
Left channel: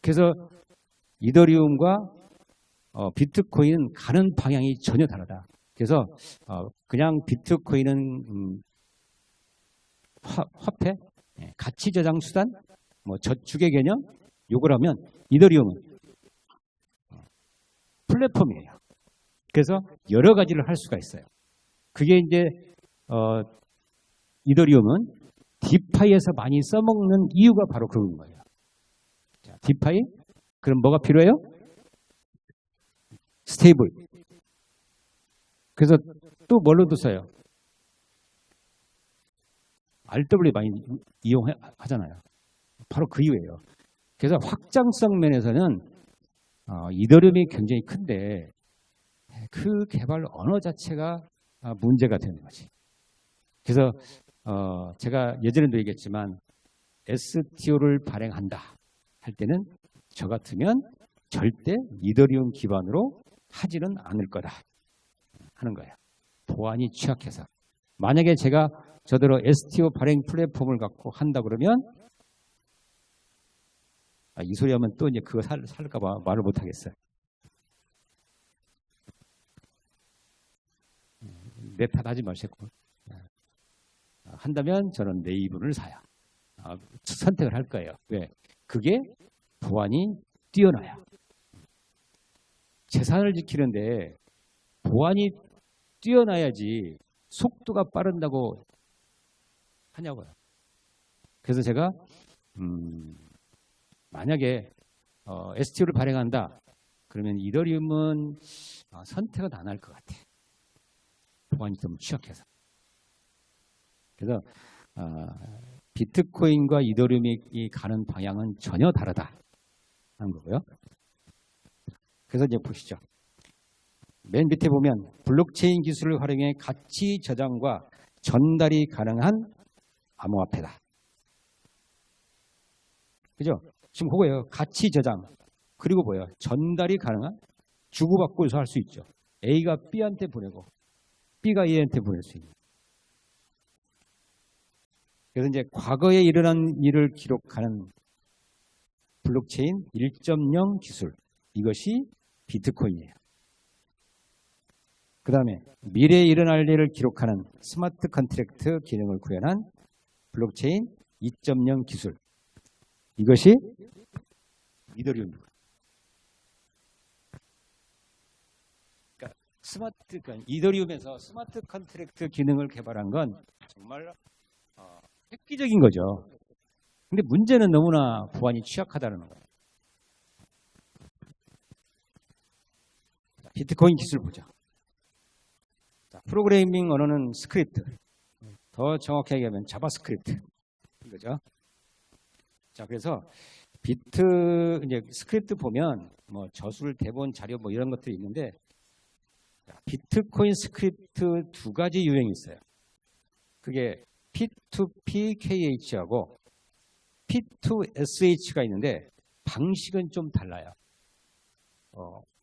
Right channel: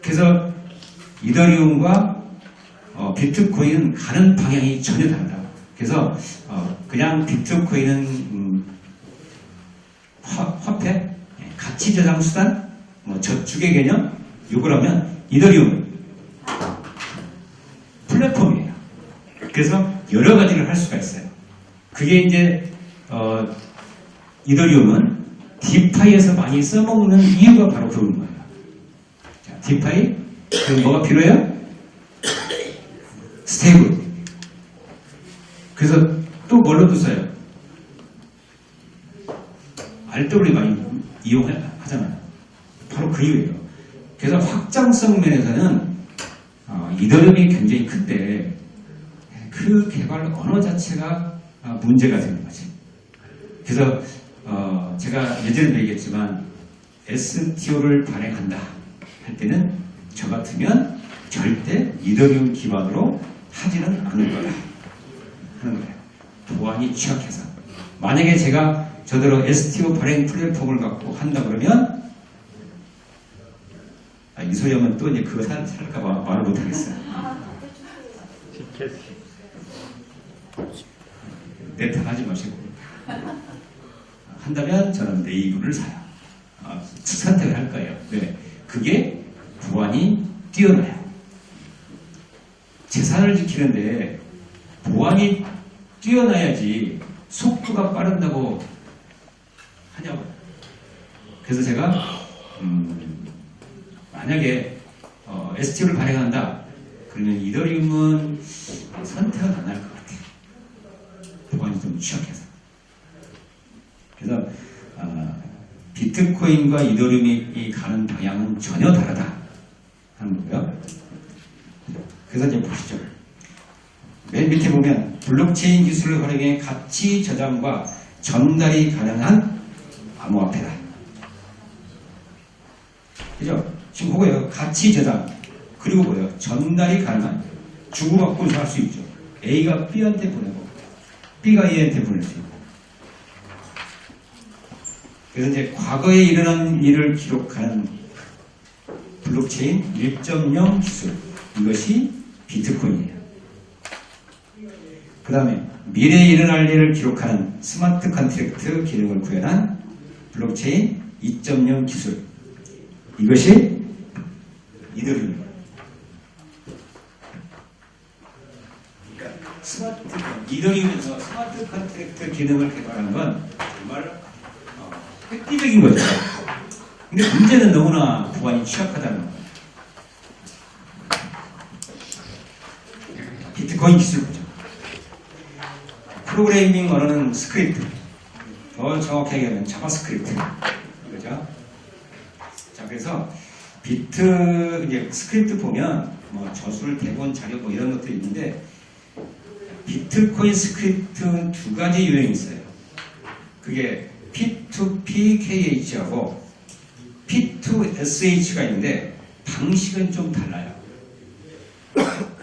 그래서 이더리움과 비트코인은 가는 방향이 전혀 다르다. 그래서 그냥 비트코인은 화폐, 가치 저장 수단, 뭐 저축의 개념, 요걸 하면 이더리움은 플랫폼이에요. 그래서 여러 가지를 할 수가 있어요. 그게 이제 이더리움은 디파이에서 많이 써먹는 이유가 바로 그런 거예요. 자, 디파이, 그럼 뭐가 필요해요? 스테이블. 그래서 또 뭘로도 써요? RW 많이 이용하잖아요. 바로 그 이유예요. 그래서 확장성 면에서는 이더리움이 굉장히 큰데 그 개발 언어 자체가 문제가 되는 거지. 그래서 제가 예전에도 얘기했지만 STO를 발행한다 할 때는 저 같으면 절대 이더리움 기반으로 하지는 않을 거다 하는 거예요. 보안이 취약해서. 만약에 제가 저대로 STO 발행 플랫폼을 갖고 한다 그러면 이 소리 하면 또 이제 그거 살까봐 말을 못하겠어요. 티켓. 내 탓하지 마시고 한다면 저는 네이버를 사요. 선택을 할 거예요. 왜? 그게 보안이 뛰어나요. 재산을 지키는데 보안이 뛰어나야지 속도가 빠른다고 하냐고요. 그래서 제가 만약에 STO를 발행한다 그러면 이더리움은 선택은 안 할 것 같아요. 보안이 좀 취약해서. 그래서 비트코인과 이더리움이 가는 방향은 전혀 다르다 하는 거고요. 그래서 이제 보시죠. 맨 밑에 보면 블록체인 기술을 활용해 가치 저장과 전달이 가능한 암호화폐다. 그죠? 지금 그거예요. 가치 저장 그리고 뭐예요? 전달이 가능한 주고받고 할 수 있죠. A가 B한테 보내고 B가 A한테 보낼 수 있고. 그래서 이제 과거에 일어난 일을 기록하는 블록체인 1.0 기술 이것이 비트코인이에요. 그 다음에 미래에 일어날 일을 기록하는 스마트 컨트랙트 기능을 구현한 블록체인 2.0 기술 이것이 이더리움입니다. 그러니까 이더리움에서 스마트 컨트랙트 기능을 개발한 건 정말 획기적인 거죠. 근데 문제는 너무나 보안이 취약하다는 거예요. 비트코인 기술 보죠. 프로그래밍 언어는 스크립트, 더 정확하게 얘기하면 자바스크립트, 그죠? 자, 그래서 이제 스크립트 보면 뭐 저술, 대본, 자료 뭐 이런 것들이 있는데 비트코인 스크립트 두 가지 유형이 있어요. 그게 P2PKH하고 P2SH가 있는데 방식은 좀 달라요.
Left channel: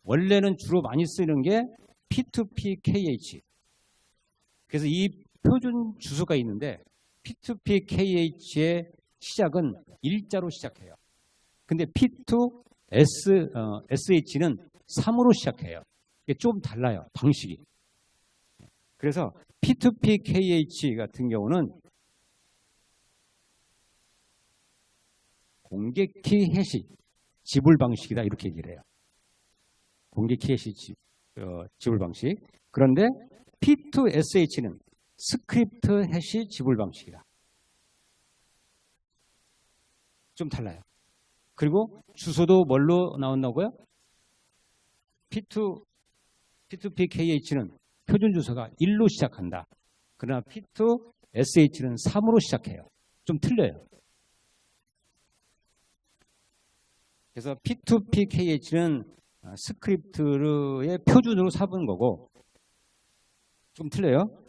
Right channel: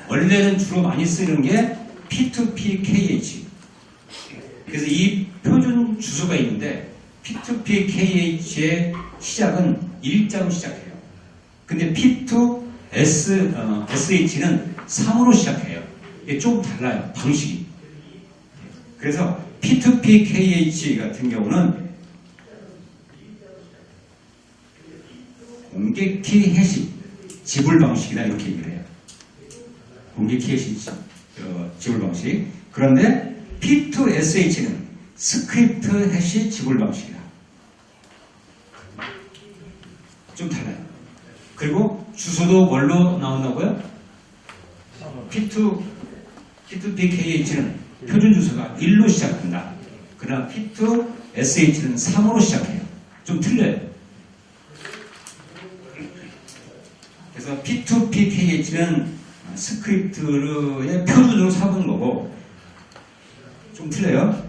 원래는 주로 많이 쓰는 게 P2PKH. 그래서 이 표준 주소가 있는데 P2PKH의 시작은 일자로 시작해요. 근데 P2SH는 3으로 시작해요. 이게 좀 달라요. 방식이. 그래서 P2PKH 같은 경우는 공개키 해시 지불 방식이다 이렇게 얘기를 해요. 공개키 해시 지불 방식. 그런데 P2SH는 스크립트 해시 지불 방식이다. 좀 달라요. 그리고 주소도 뭘로 나온다고요? P2PKH는 표준 주소가 1로 시작한다. 그러나 P2SH는 3으로 시작해요. 좀 틀려요. 그래서 P2PKH는 스크립트의 표준으로 삼은 거고 좀 틀려요.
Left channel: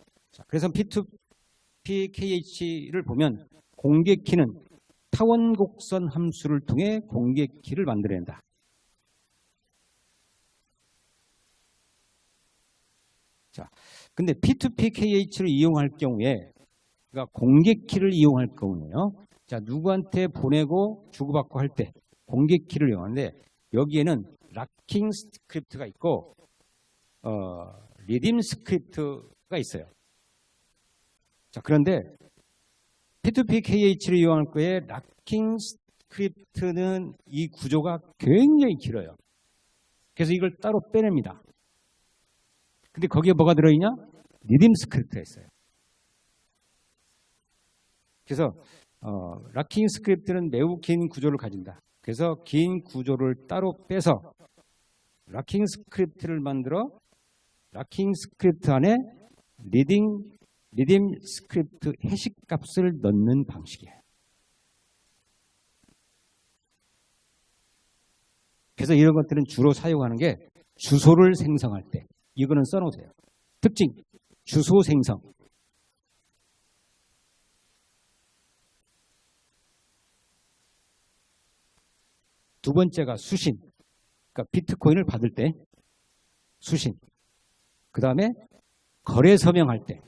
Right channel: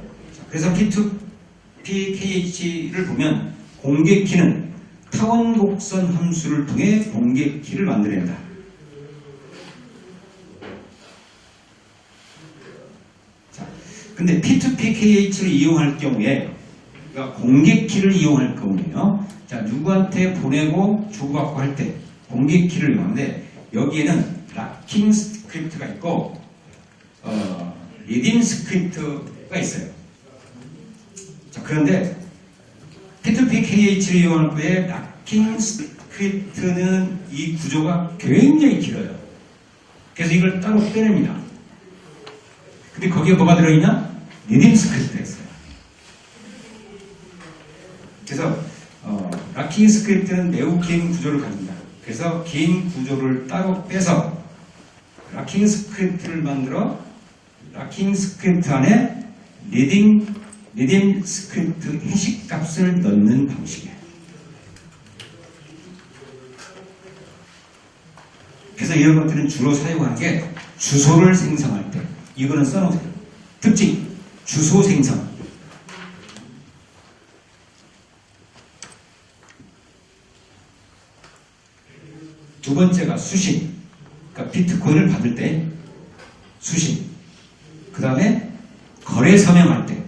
그래서 P2PKH를 보면 공개키는 타원곡선 함수를 통해 공개키를 만들어낸다. 근데 P2PKH를 이용할 경우에 그러니까 공개키를 이용할 경우에요. 자, 누구한테 보내고 주고받고 할 때 공개키를 이용하는데 여기에는 락킹 스크립트가 있고 리딤 스크립트가 있어요. 자, 그런데 P2PKH를 이용할 거에 락킹 스크립트는 이 구조가 굉장히 길어요. 그래서 이걸 따로 빼냅니다. 근데 거기에 뭐가 들어있냐? 리딤 스크립트가 있어요. 그래서 락킹 스크립트는 매우 긴 구조를 가진다. 그래서 긴 구조를 따로 빼서 락킹 스크립트를 만들어 락킹 스크립트 안에 리딤 스크립트 해시 값을 넣는 방식이에요. 그래서 이런 것들은 주로 사용하는 게 주소를 생성할 때 이거는 써놓으세요. 특징 주소 생성. 두 번째가 수신. 그러니까 비트코인을 받을 때 수신. 그 다음에 거래 서명할 때.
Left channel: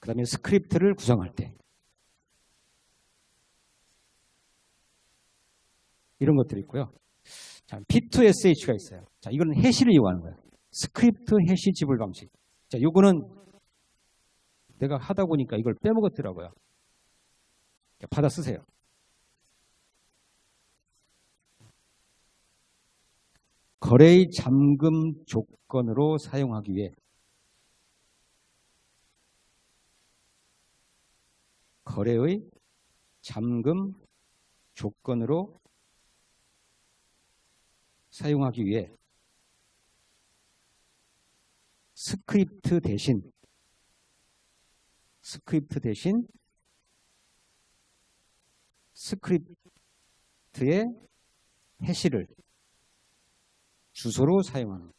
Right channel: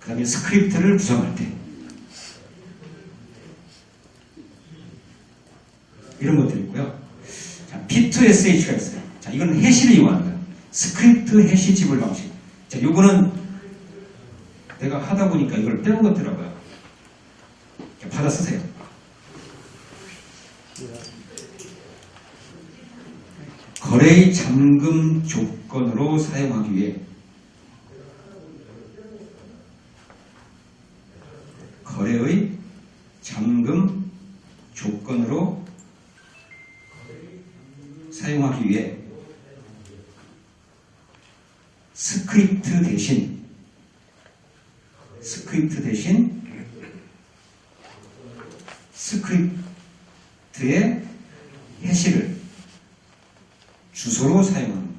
그 다음에 스크립트를 구성할 때. 이런 것들이 있고요. 자, P2SH가 있어요. 자, 이건 해시를 이용하는 거예요. 스크립트 해시 지불 방식. 자, 요거는 내가 하다 보니까 이걸 빼먹었더라고요. 받아 쓰세요. 거래의 잠금 조건으로 사용하기 위해 거래의 잠금 조건으로 사용하기 위해 스크립트 대신 스크립트의 해시를 주소로 사용하는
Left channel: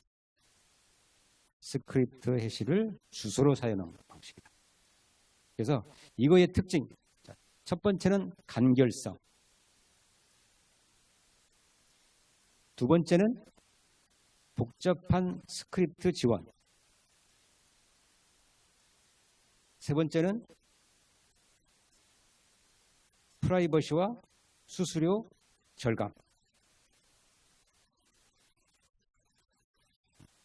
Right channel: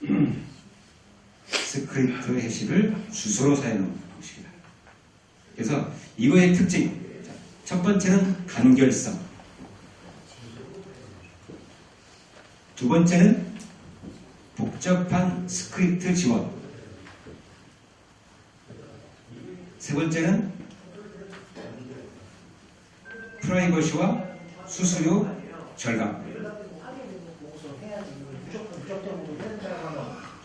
거죠. 스크립트 해시를 주소로 사용하는 방식이다. 그래서 이거의 특징, 첫 번째는 간결성, 두 번째는 복잡한 스크립트 지원, 세 번째는 프라이버시와 수수료 절감,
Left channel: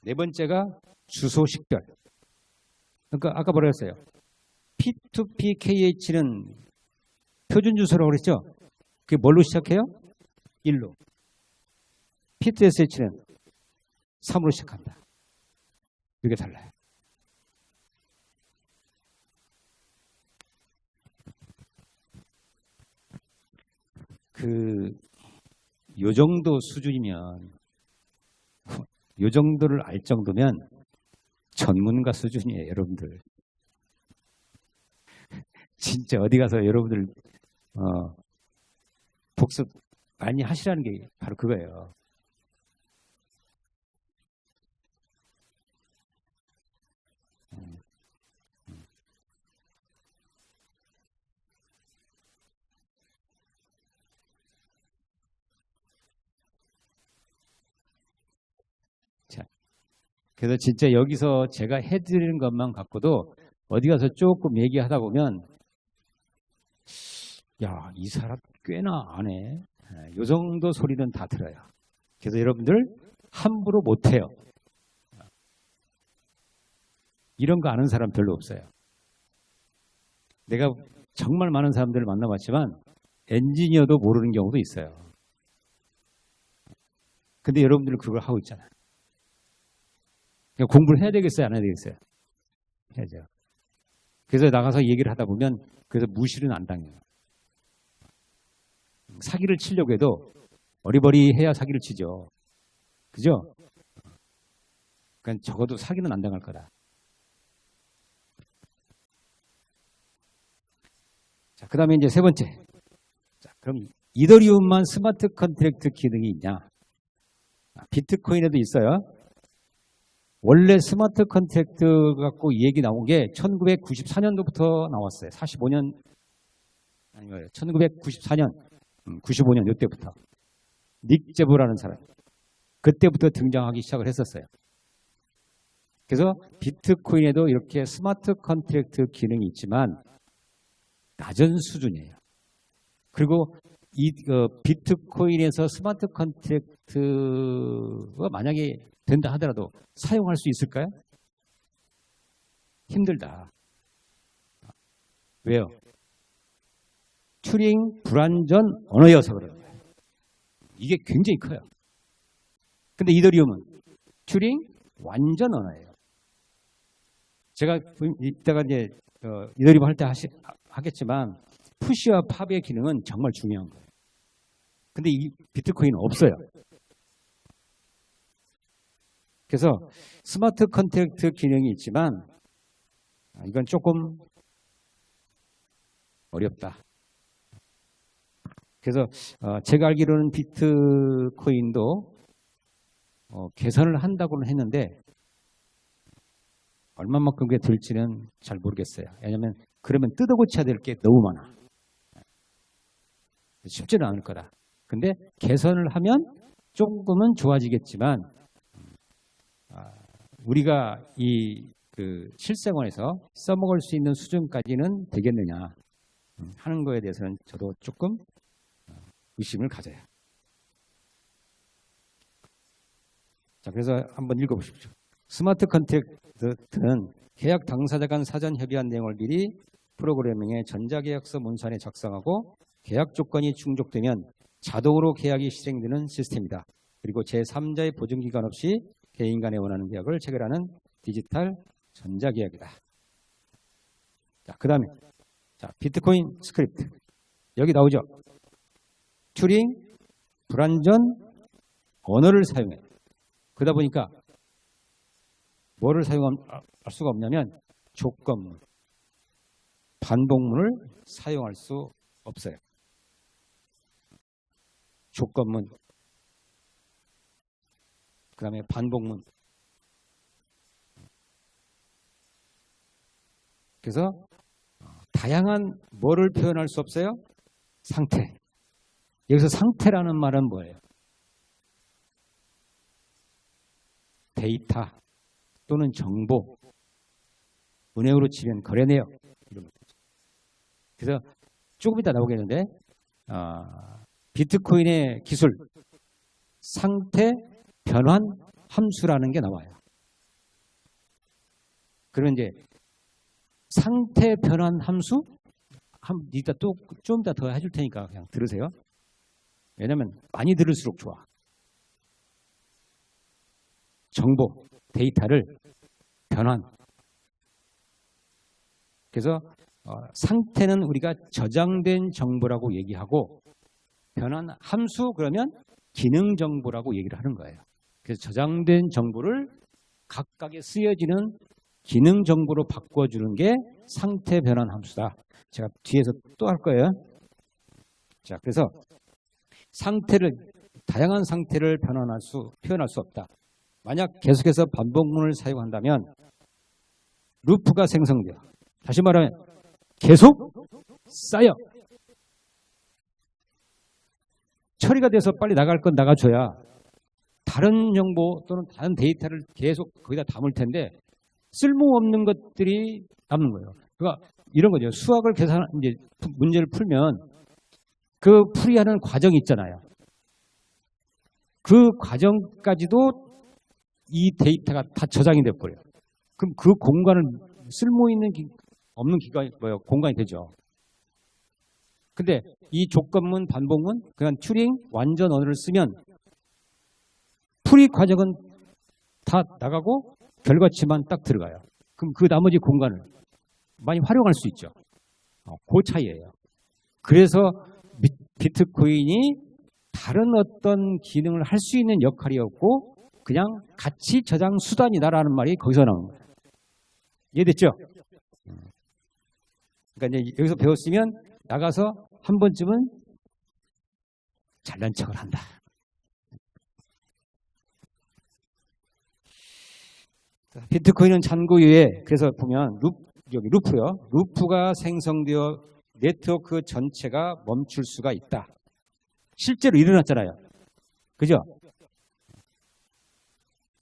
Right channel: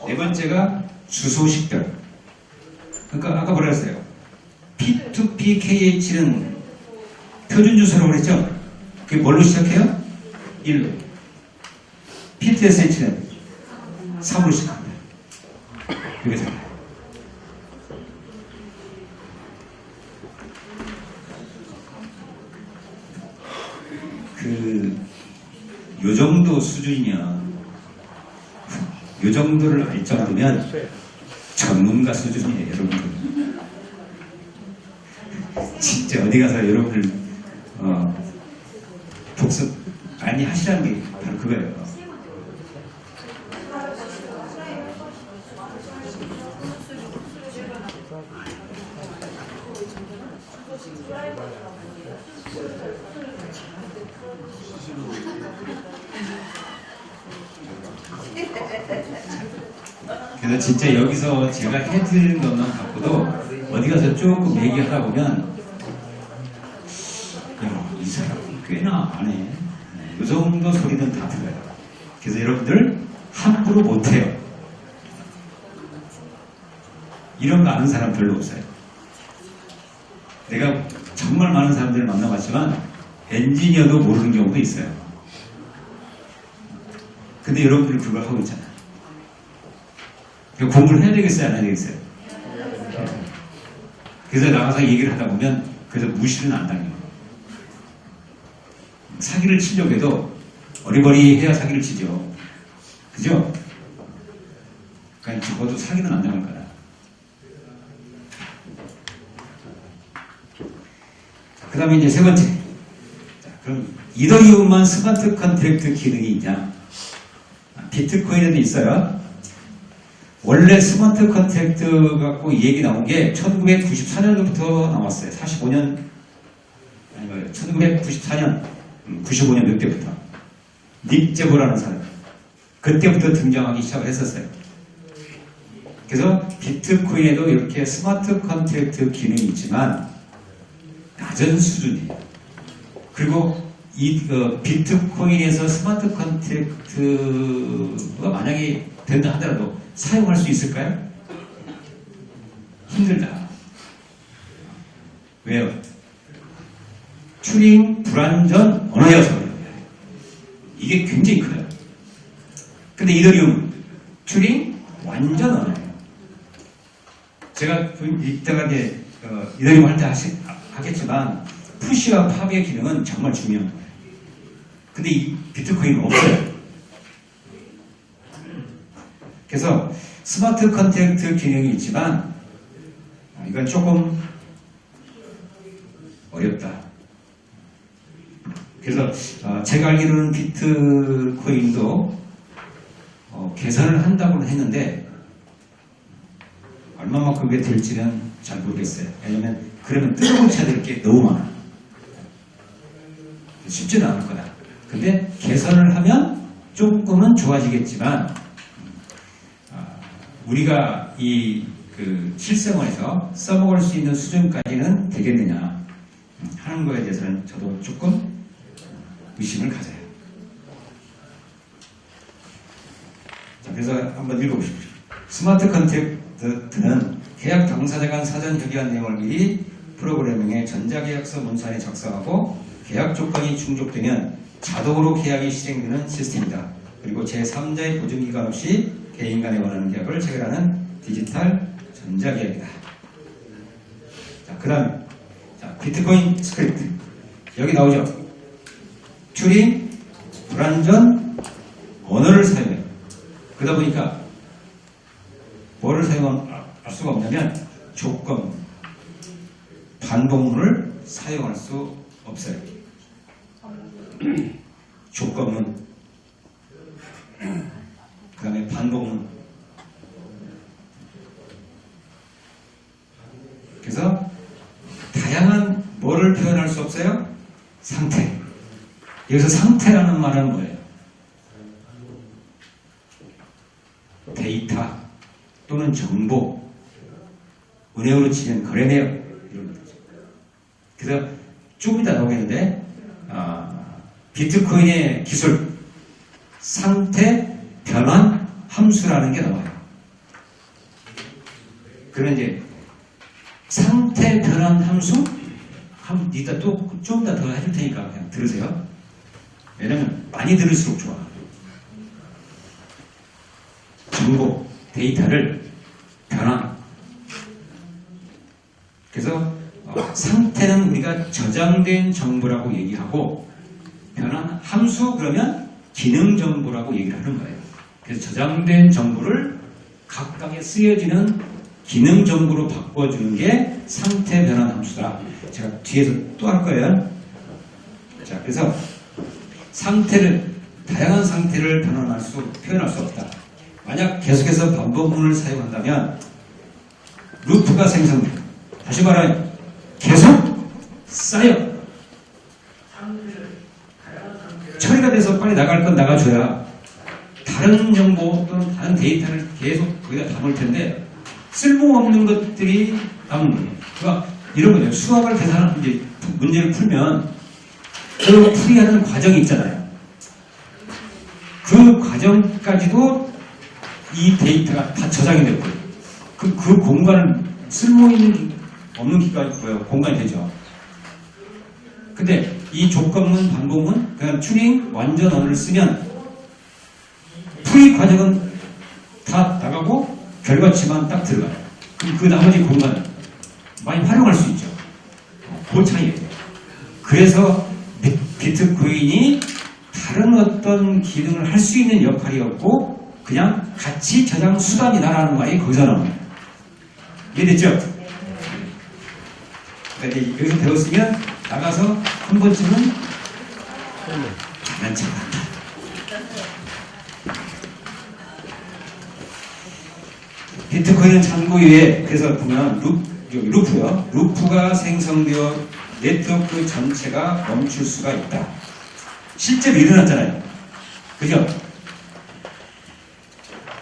네 번째가 주소 식별. 그러니까 아까 뭐라 했어요? P2PKH는 표준 주소라고 그랬죠? 그게 뭘로 시작해요? 1로. P2SH는 3으로 시작합니다. 이게 달라요. 요 정도 수준이면, 요 정도를 알 정도면 전문가 수준이에요, 여러분들. 진짜 어디 가서 여러분들 복습 많이 하시라는 게 바로 그거예요. 그래서 진짜 여기서 제가 해드리는 것만 갖고도 어디 가서 조금 얘기하다 보면 야, 이 사람 꽤나 안 해. 이 정도 소리는 다 들어요. 그래서 여러분들 함부로 못해요. 이런 거 아는 사람 별로 없어요. 내가 정말 많은 사람들을 만나봤지만 엔지니어도 모르는 경우도 있어요. 근데 여러분들 그걸 하고 있잖아요. 그러니까 공부를 해야 되겠어요? 안 해야 되겠어요? 그래서 나가서 얘기를 하다 보면 그래서 무시는 안 당해요. 사기를 치려고 해도 어리버리 해야 사기를 치죠. 그죠? 그러니까 적어도 사기는 안 당할 거다. 그 다음에 이제 세 번째. 자, 그럼 이더리움만 스마트 컨트랙트 기능이 있냐? 비트코인에도 있어요. 원래 스마트 컨트랙트 갖고 이 얘기 나온 게 1994년도부터 나왔어요. 45년, 아니 말이에요. 1994년, 95년 이때부터. 닉 제보라는 사람. 그때부터 등장하기 시작을 했었어요. 그래서 비트코인에도 이렇게 스마트 컨트랙트 기능이 있지만 낮은 수준이에요. 그리고 이 비트코인에서 스마트 컨트랙트가 만약에 된다 하더라도 사용할 수 있을까요? 힘들다. 왜요? 튜링 불완전 언어여서 이게 굉장히 커요. 근데 이더리움 튜링 완전 언어예요. 제가 이따가 이제 이더리움 할 때 하겠지만 푸시와 팝의 기능은 정말 중요한 거예요. 근데 이 비트코인은 없어요. 그래서 스마트 컨트랙트 기능이 있지만 이건 조금 어렵다. 그래서 제가 알기로는 비트코인도 개선을 한다고는 했는데 얼마만큼 그게 될지는 잘 모르겠어요. 왜냐하면 그러면 뜯어고쳐야 될 게 너무 많아. 쉽지는 않을 거다. 근데 개선을 하면 조금은 좋아지겠지만 우리가 이 실생활에서 써먹을 수 있는 수준까지는 되겠느냐 하는 거에 대해서는 저도 조금 의심을 가져요. 자, 그래서 한번 읽어보십시오. 스마트 컨트랙트는 계약 당사자 간 사전 협의한 내용을 미리 프로그래밍에 전자계약서 문서에 작성하고 계약 조건이 충족되면 자동으로 계약이 실행되는 시스템이다. 그리고 제3자의 보증기간 없이 개인 간에 원하는 계약을 체결하는 디지털 전자계약이다. 자, 그 다음에 비트코인 스크립트 여기 나오죠. 튜링 불완전 언어를 사용해요. 그러다 보니까 뭐를 사용할 수가 없냐면 조건, 반복문을 사용할 수 없어요. 조건문, 그 다음에 반복문. 그래서 다양한 뭐를 표현할 수 없어요? 상태. 여기서 상태라는 말은 뭐예요? 데이터 또는 정보, 은행으로 치면 거래 내역 이런 거죠. 그래서 조금 이따 나오겠는데 비트코인의 기술 상태 변환 함수라는 게 나와요. 그러면 이제 상태 변환 함수 이따 또 좀 더 해줄 테니까 그냥 들으세요. 왜냐면 많이 들을수록 좋아. 정보, 데이터를 변환. 그래서 상태는 우리가 저장된 정보라고 얘기하고 변환 함수 그러면 기능 정보라고 얘기를 하는 거예요. 그래서 저장된 정보를 각각에 쓰여지는 기능 정보로 바꿔주는 게 상태 변환 함수다. 제가 뒤에서 또 할 거예요. 자, 그래서 다양한 상태를 표현할 수 없다. 만약 계속해서 반복문을 사용한다면 루프가 생성돼요. 다시 말하면 계속 쌓여. 처리가 돼서 빨리 나갈 건 나가줘야 다른 정보 또는 다른 데이터를 계속 거기다 담을 텐데 쓸모없는 것들이 남는 거예요. 그러니까 이런 거죠. 수학을 계산하는 이제 문제를 풀면 그 풀이하는 과정이 있잖아요. 그 과정까지도 이 데이터가 다 저장이 될 거예요. 그 공간은 쓸모있는 없는 기간이 뭐예요? 공간이 되죠. 근데 이 조건문, 반복문, 그냥 튜링, 완전 언어를 쓰면 풀이 과정은 다 나가고 결과치만 딱 들어가요. 그럼 그 나머지 공간을 많이 활용할 수 있죠. 그 차이예요. 그래서 비트코인이 다른 어떤 기능을 할 수 있는 역할이 없고 그냥 가치 저장 수단이다라는 말이 거기서 나옵니다. 이해됐죠? 그러니까 이제 여기서 배웠으면 나가서 한 번쯤은 잘난 척한다. 비트코인은 잔고유에 그래서 보면 루프요. 루프가 생성되어 네트워크 전체가 멈출 수가 있다. 실제로 일어났잖아요. 그죠?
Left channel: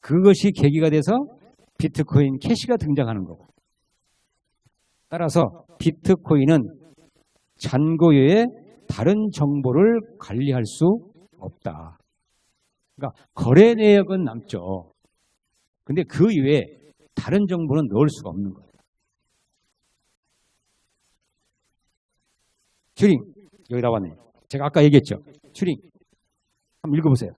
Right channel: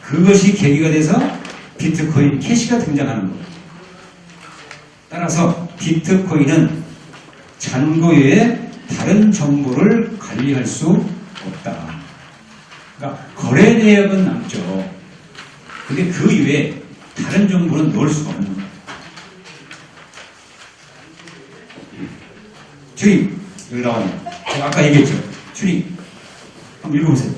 그것이 계기가 돼서 비트코인 캐시가 등장하는 거예요. 따라서 비트코인은 잔고유에 다른 정보를 관리할 수 없다. 그러니까 거래 내역은 남죠. 근데 그 이외에 다른 정보는 넣을 수가 없는 거예요. 튜링 여기 나와요. 제가 아까 얘기했죠. 튜링 한번 읽어보세요.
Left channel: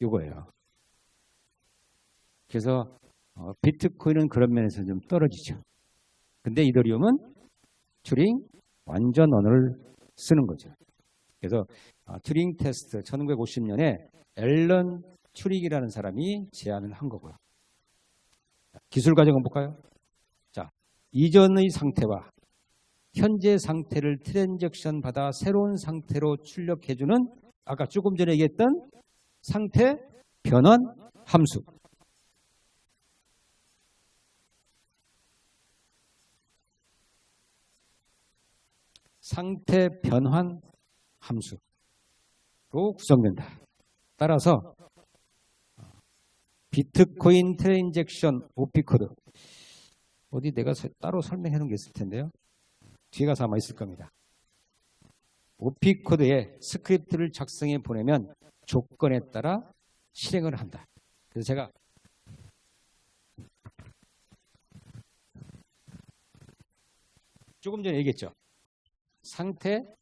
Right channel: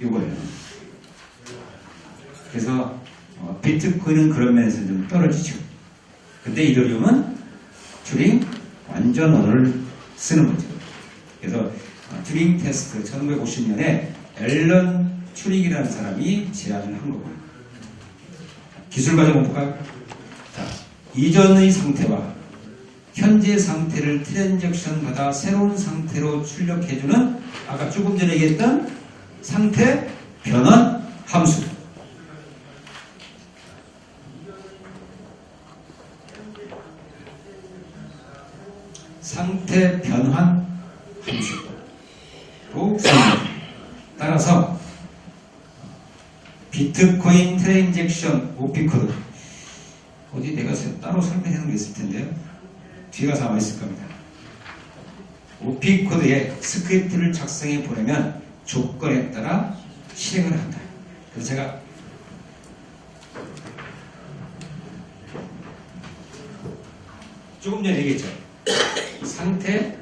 이거예요. 그래서 비트코인은 그런 면에서 좀 떨어지죠. 근데 이더리움은 튜링 완전 언어를 쓰는 거죠. 그래서 튜링 테스트 1950년에 앨런 튜링이라는 사람이 제안을 한 거고요. 기술 과정 한번 볼까요? 자, 이전의 상태와 현재 상태를 트랜잭션 받아 새로운 상태로 출력해주는 아까 조금 전에 얘기했던 상태 변환 함수. 상태 변환 함수로 구성됩니다. 따라서 비트코인 트랜잭션 OP 코드 어디 내가 따로 설명해 놓은 게 있을 텐데요. 뒤에 가서 아마 있을 겁니다. OP 코드에 스크립트를 작성해 보내면 조건에 따라 실행을 한다. 그래서 제가 조금 전에 얘기했죠. 상태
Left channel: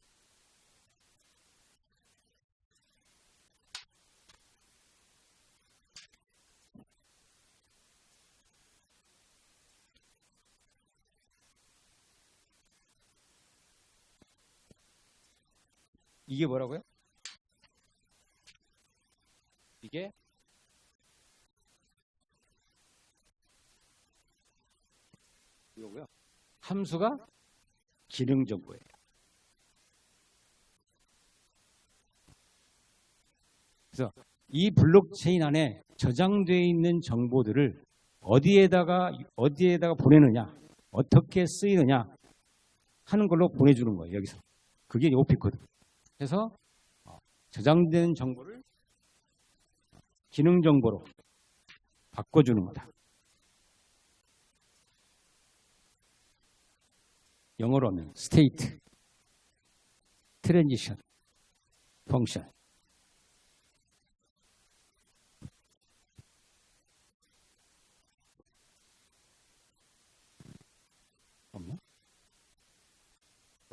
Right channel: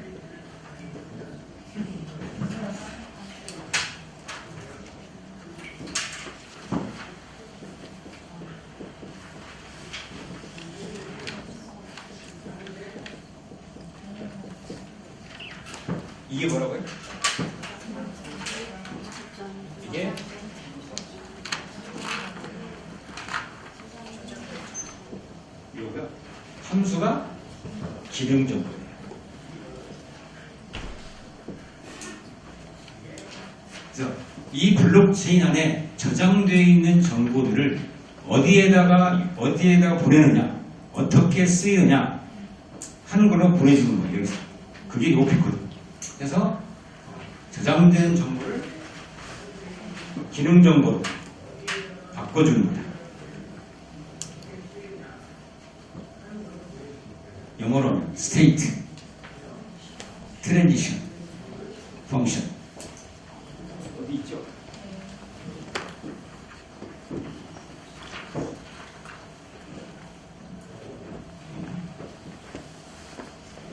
이게 뭐라고요? 이게 이거고요. 함수가 기능 정보예요. 그래서 이 블록체인 안에 저장되어 있는 정보들을 어디에다가 보내느냐, 어떻게 쓰이느냐 하는 걸로 보내주는 거예요. 여기서 그게 OP 코드. 그래서 저장된 정보를 기능 정보로 바꿔주는 거다. 영어로는 state, transition, function. 어디 있죠?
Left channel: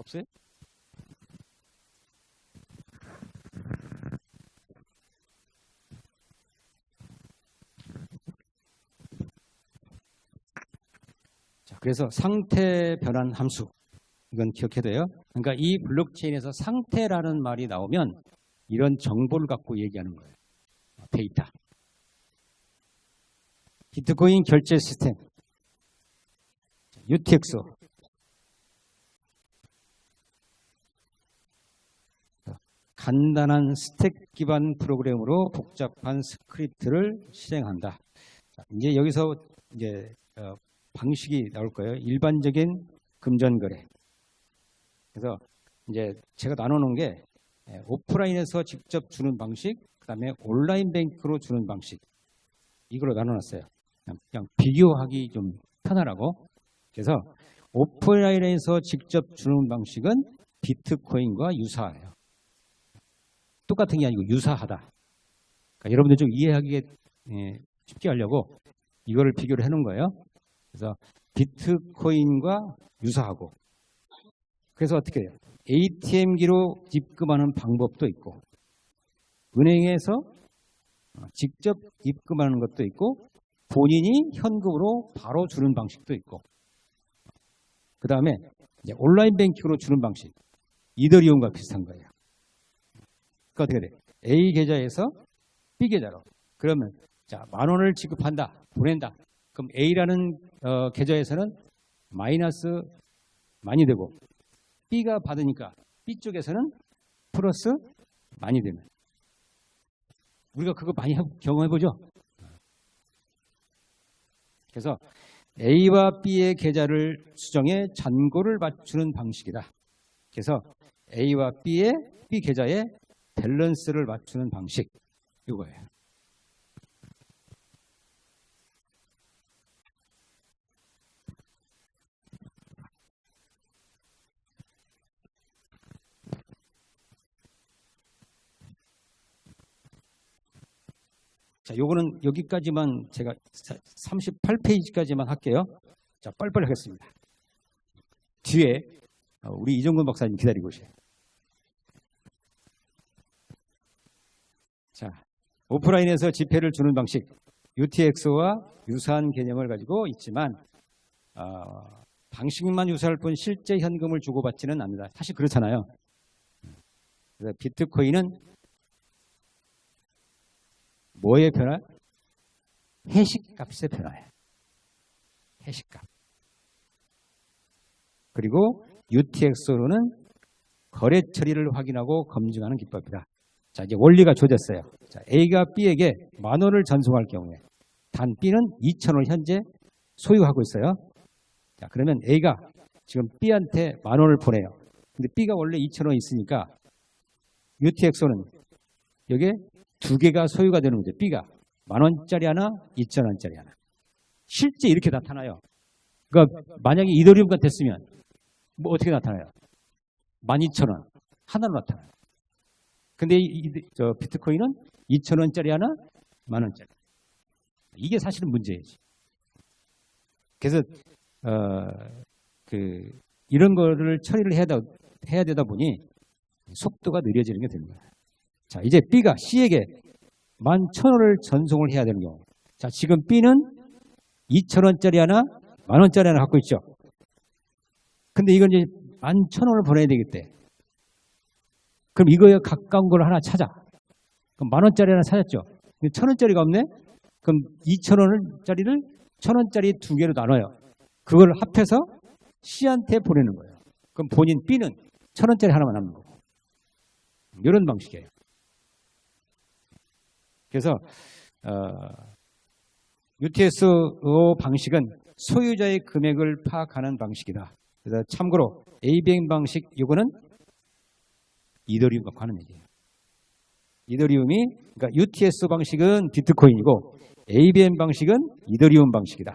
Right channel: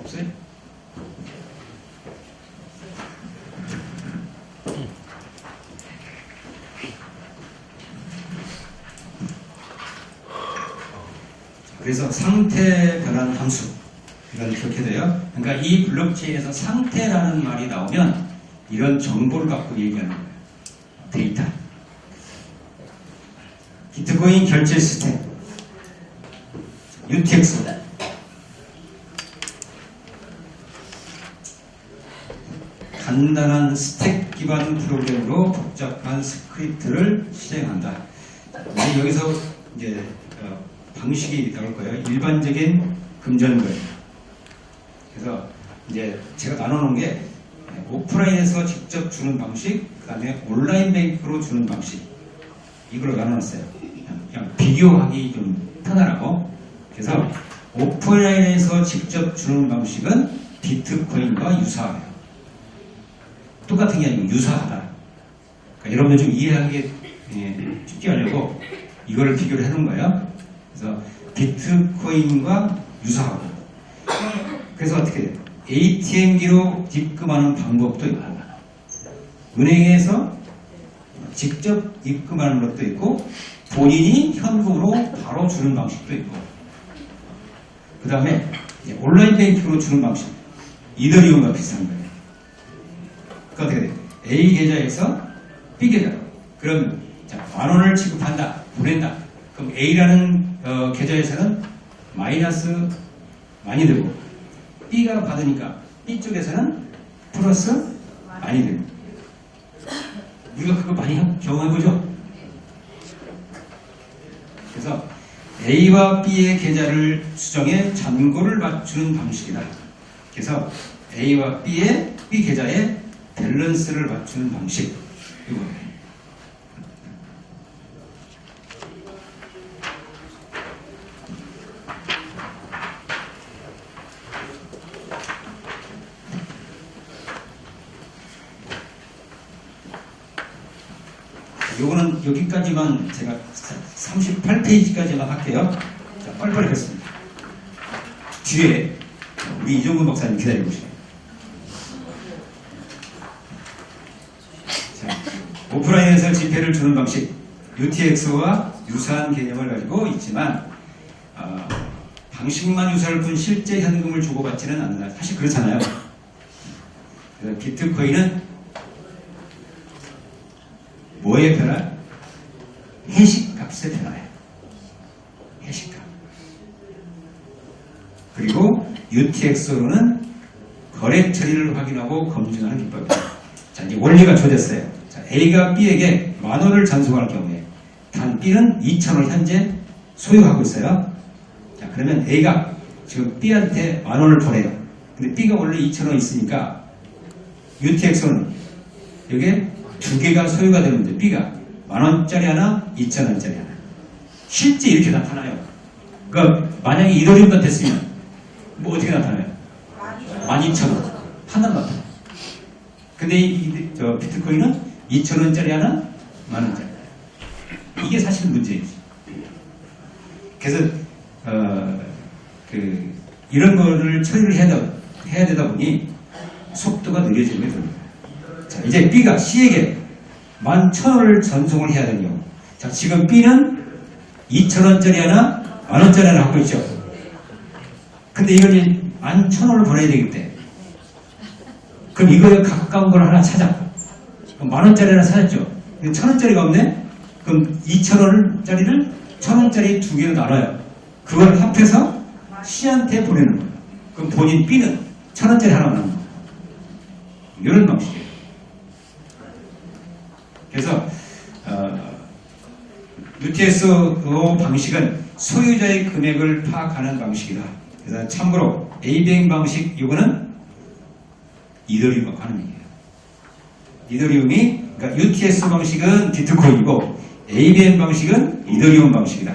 없어요? 그래서 상태 변환 함수 이걸 기억해야 돼요. 그러니까 이 블록체인에서 상태라는 말이 나오면 이런 정보를 갖고 얘기하는 거예요. 데이터. 비트코인 결제 시스템 UTXO 간단한 스택 기반 프로그램으로 복잡한 스크립트를 실행한다. 근데 여기서 이제 방식이 나올 거예요. 일반적인 금전거래. 그래서 이제 제가 나눠놓은 게 오프라인에서 직접 주는 방식, 그 다음에 온라인 뱅크로 주는 방식. 이걸로 나눠놨어요. 그냥 비교하기 좀 편하라고. 그래서 오프라인에서 직접 주는 방식은 비트코인과 유사해요. 똑같은 게 아니고 유사하다. 그러니까 여러분들 좀 이해하기 쉽게 하려고 이거를 비교를 해놓은 거예요. 그래서 비트코인과 유사하고. 그래서 어떻게 해요? ATM기로 입금하는 방법도 있고, 은행에서 직접 입금하는 것도 있고, 본인이 현금으로 바로 주는 방식도 있고, 그 다음에 온라인 뱅킹으로 주는 방식, 이더리움과 비슷한 거예요. 그러니까 어떻게 돼요? A 계좌에서 B 계좌로. 그럼 자, 10,000원을 지급한다, 보낸다. 그럼 A라는 계좌에서는 마이너스 많이 되고, B가 받으니까 B 쪽에서는 플러스 많이 됩니다. 우리가 그거 많이 경험해보죠? 그래서 A와 B의 계좌를 수정해 잔고를 맞추는 방식이다. 그래서 A와 B 계좌에 밸런스를 맞추는 방식. 이거예요. 요거는 여기까지만 제가 38페이지까지만 할게요. 자, 빨리빨리 하겠습니다. 뒤에 우리 이종근 박사님 기다리고 계세요. 자, 오프라인에서 지폐를 주는 방식, UTXO와 유사한 개념을 가지고 있지만 방식만 유사할 뿐 실제 현금을 주고받지는 않는다. 사실 그렇잖아요. 그래서 비트코인은 뭐의 변화? 해시값의 변화예요. 해시값. 그리고 UTXO로는 거래 처리를 확인하고 검증하는 기법이에요. 자, 이제 원리가 조됐어요. 자, A가 B에게 10,000원을 전송할 경우에 단 B는 2,000원 현재 소유하고 있어요. 자, 그러면 A가 지금 B한테 10,000원을 보내요. 근데 B가 원래 2,000원 있으니까 UTXO는 여기에 두 개가 소유가 되는데 B가 10,000원짜리 하나, 2,000원짜리 하나. 실제 이렇게 나타나요. 그러니까 만약에 이더리움만 됐으면 뭐 어떻게 나타나요? 12,000원 하나 나타나요. 근데 저 비트코인은 2,000원짜리 하나, 10,000원짜리. 이게 사실 문제이지. 그래서 이런 거를 처리를 해야 되다 보니 속도가 느려지게 됩니다. 자, 이제 B가 C에게 11,000원을 전송을 해야 되는 경우. 자, 지금 B는 2,000원짜리 하나, 10,000원짜리 하나 갖고 있죠. 근데 이걸 11,000원을 보내야 되겠대. 그럼 이거에 가까운 걸 하나 찾아. 그럼 10,000원짜리 하나 찾았죠. 1,000원짜리가 없네? 그럼 2,000원짜리를 1,000원짜리 두 개로 나눠요. 그걸 합해서 C한테 보내는 거예요. 그럼 본인 B는 1,000원짜리 하나 나누는 거예요. 이런 방식이에요. 그래서 UTSO 방식은 소유자의 금액을 파악하는 방식이다. 그래서 참고로 ABM 방식 이거는 이더리움과 하는 얘기예요. 이더리움이 그러니까 UTS 방식은 비트코인이고 ABM 방식은 이더리움 방식이다.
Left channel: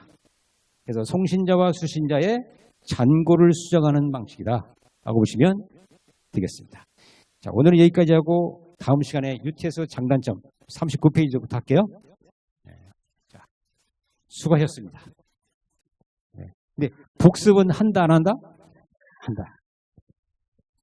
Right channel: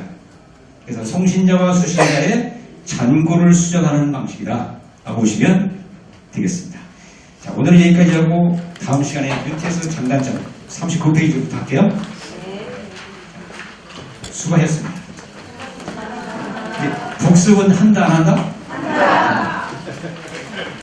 그래서 송신자와 수신자의 잔고를 수정하는 방식이다 라고 보시면 되겠습니다. 자, 오늘은 여기까지 하고 다음 시간에 UTS 장단점 39페이지부터 할게요. 수고하셨습니다. 네, 복습은 한다 안 한다?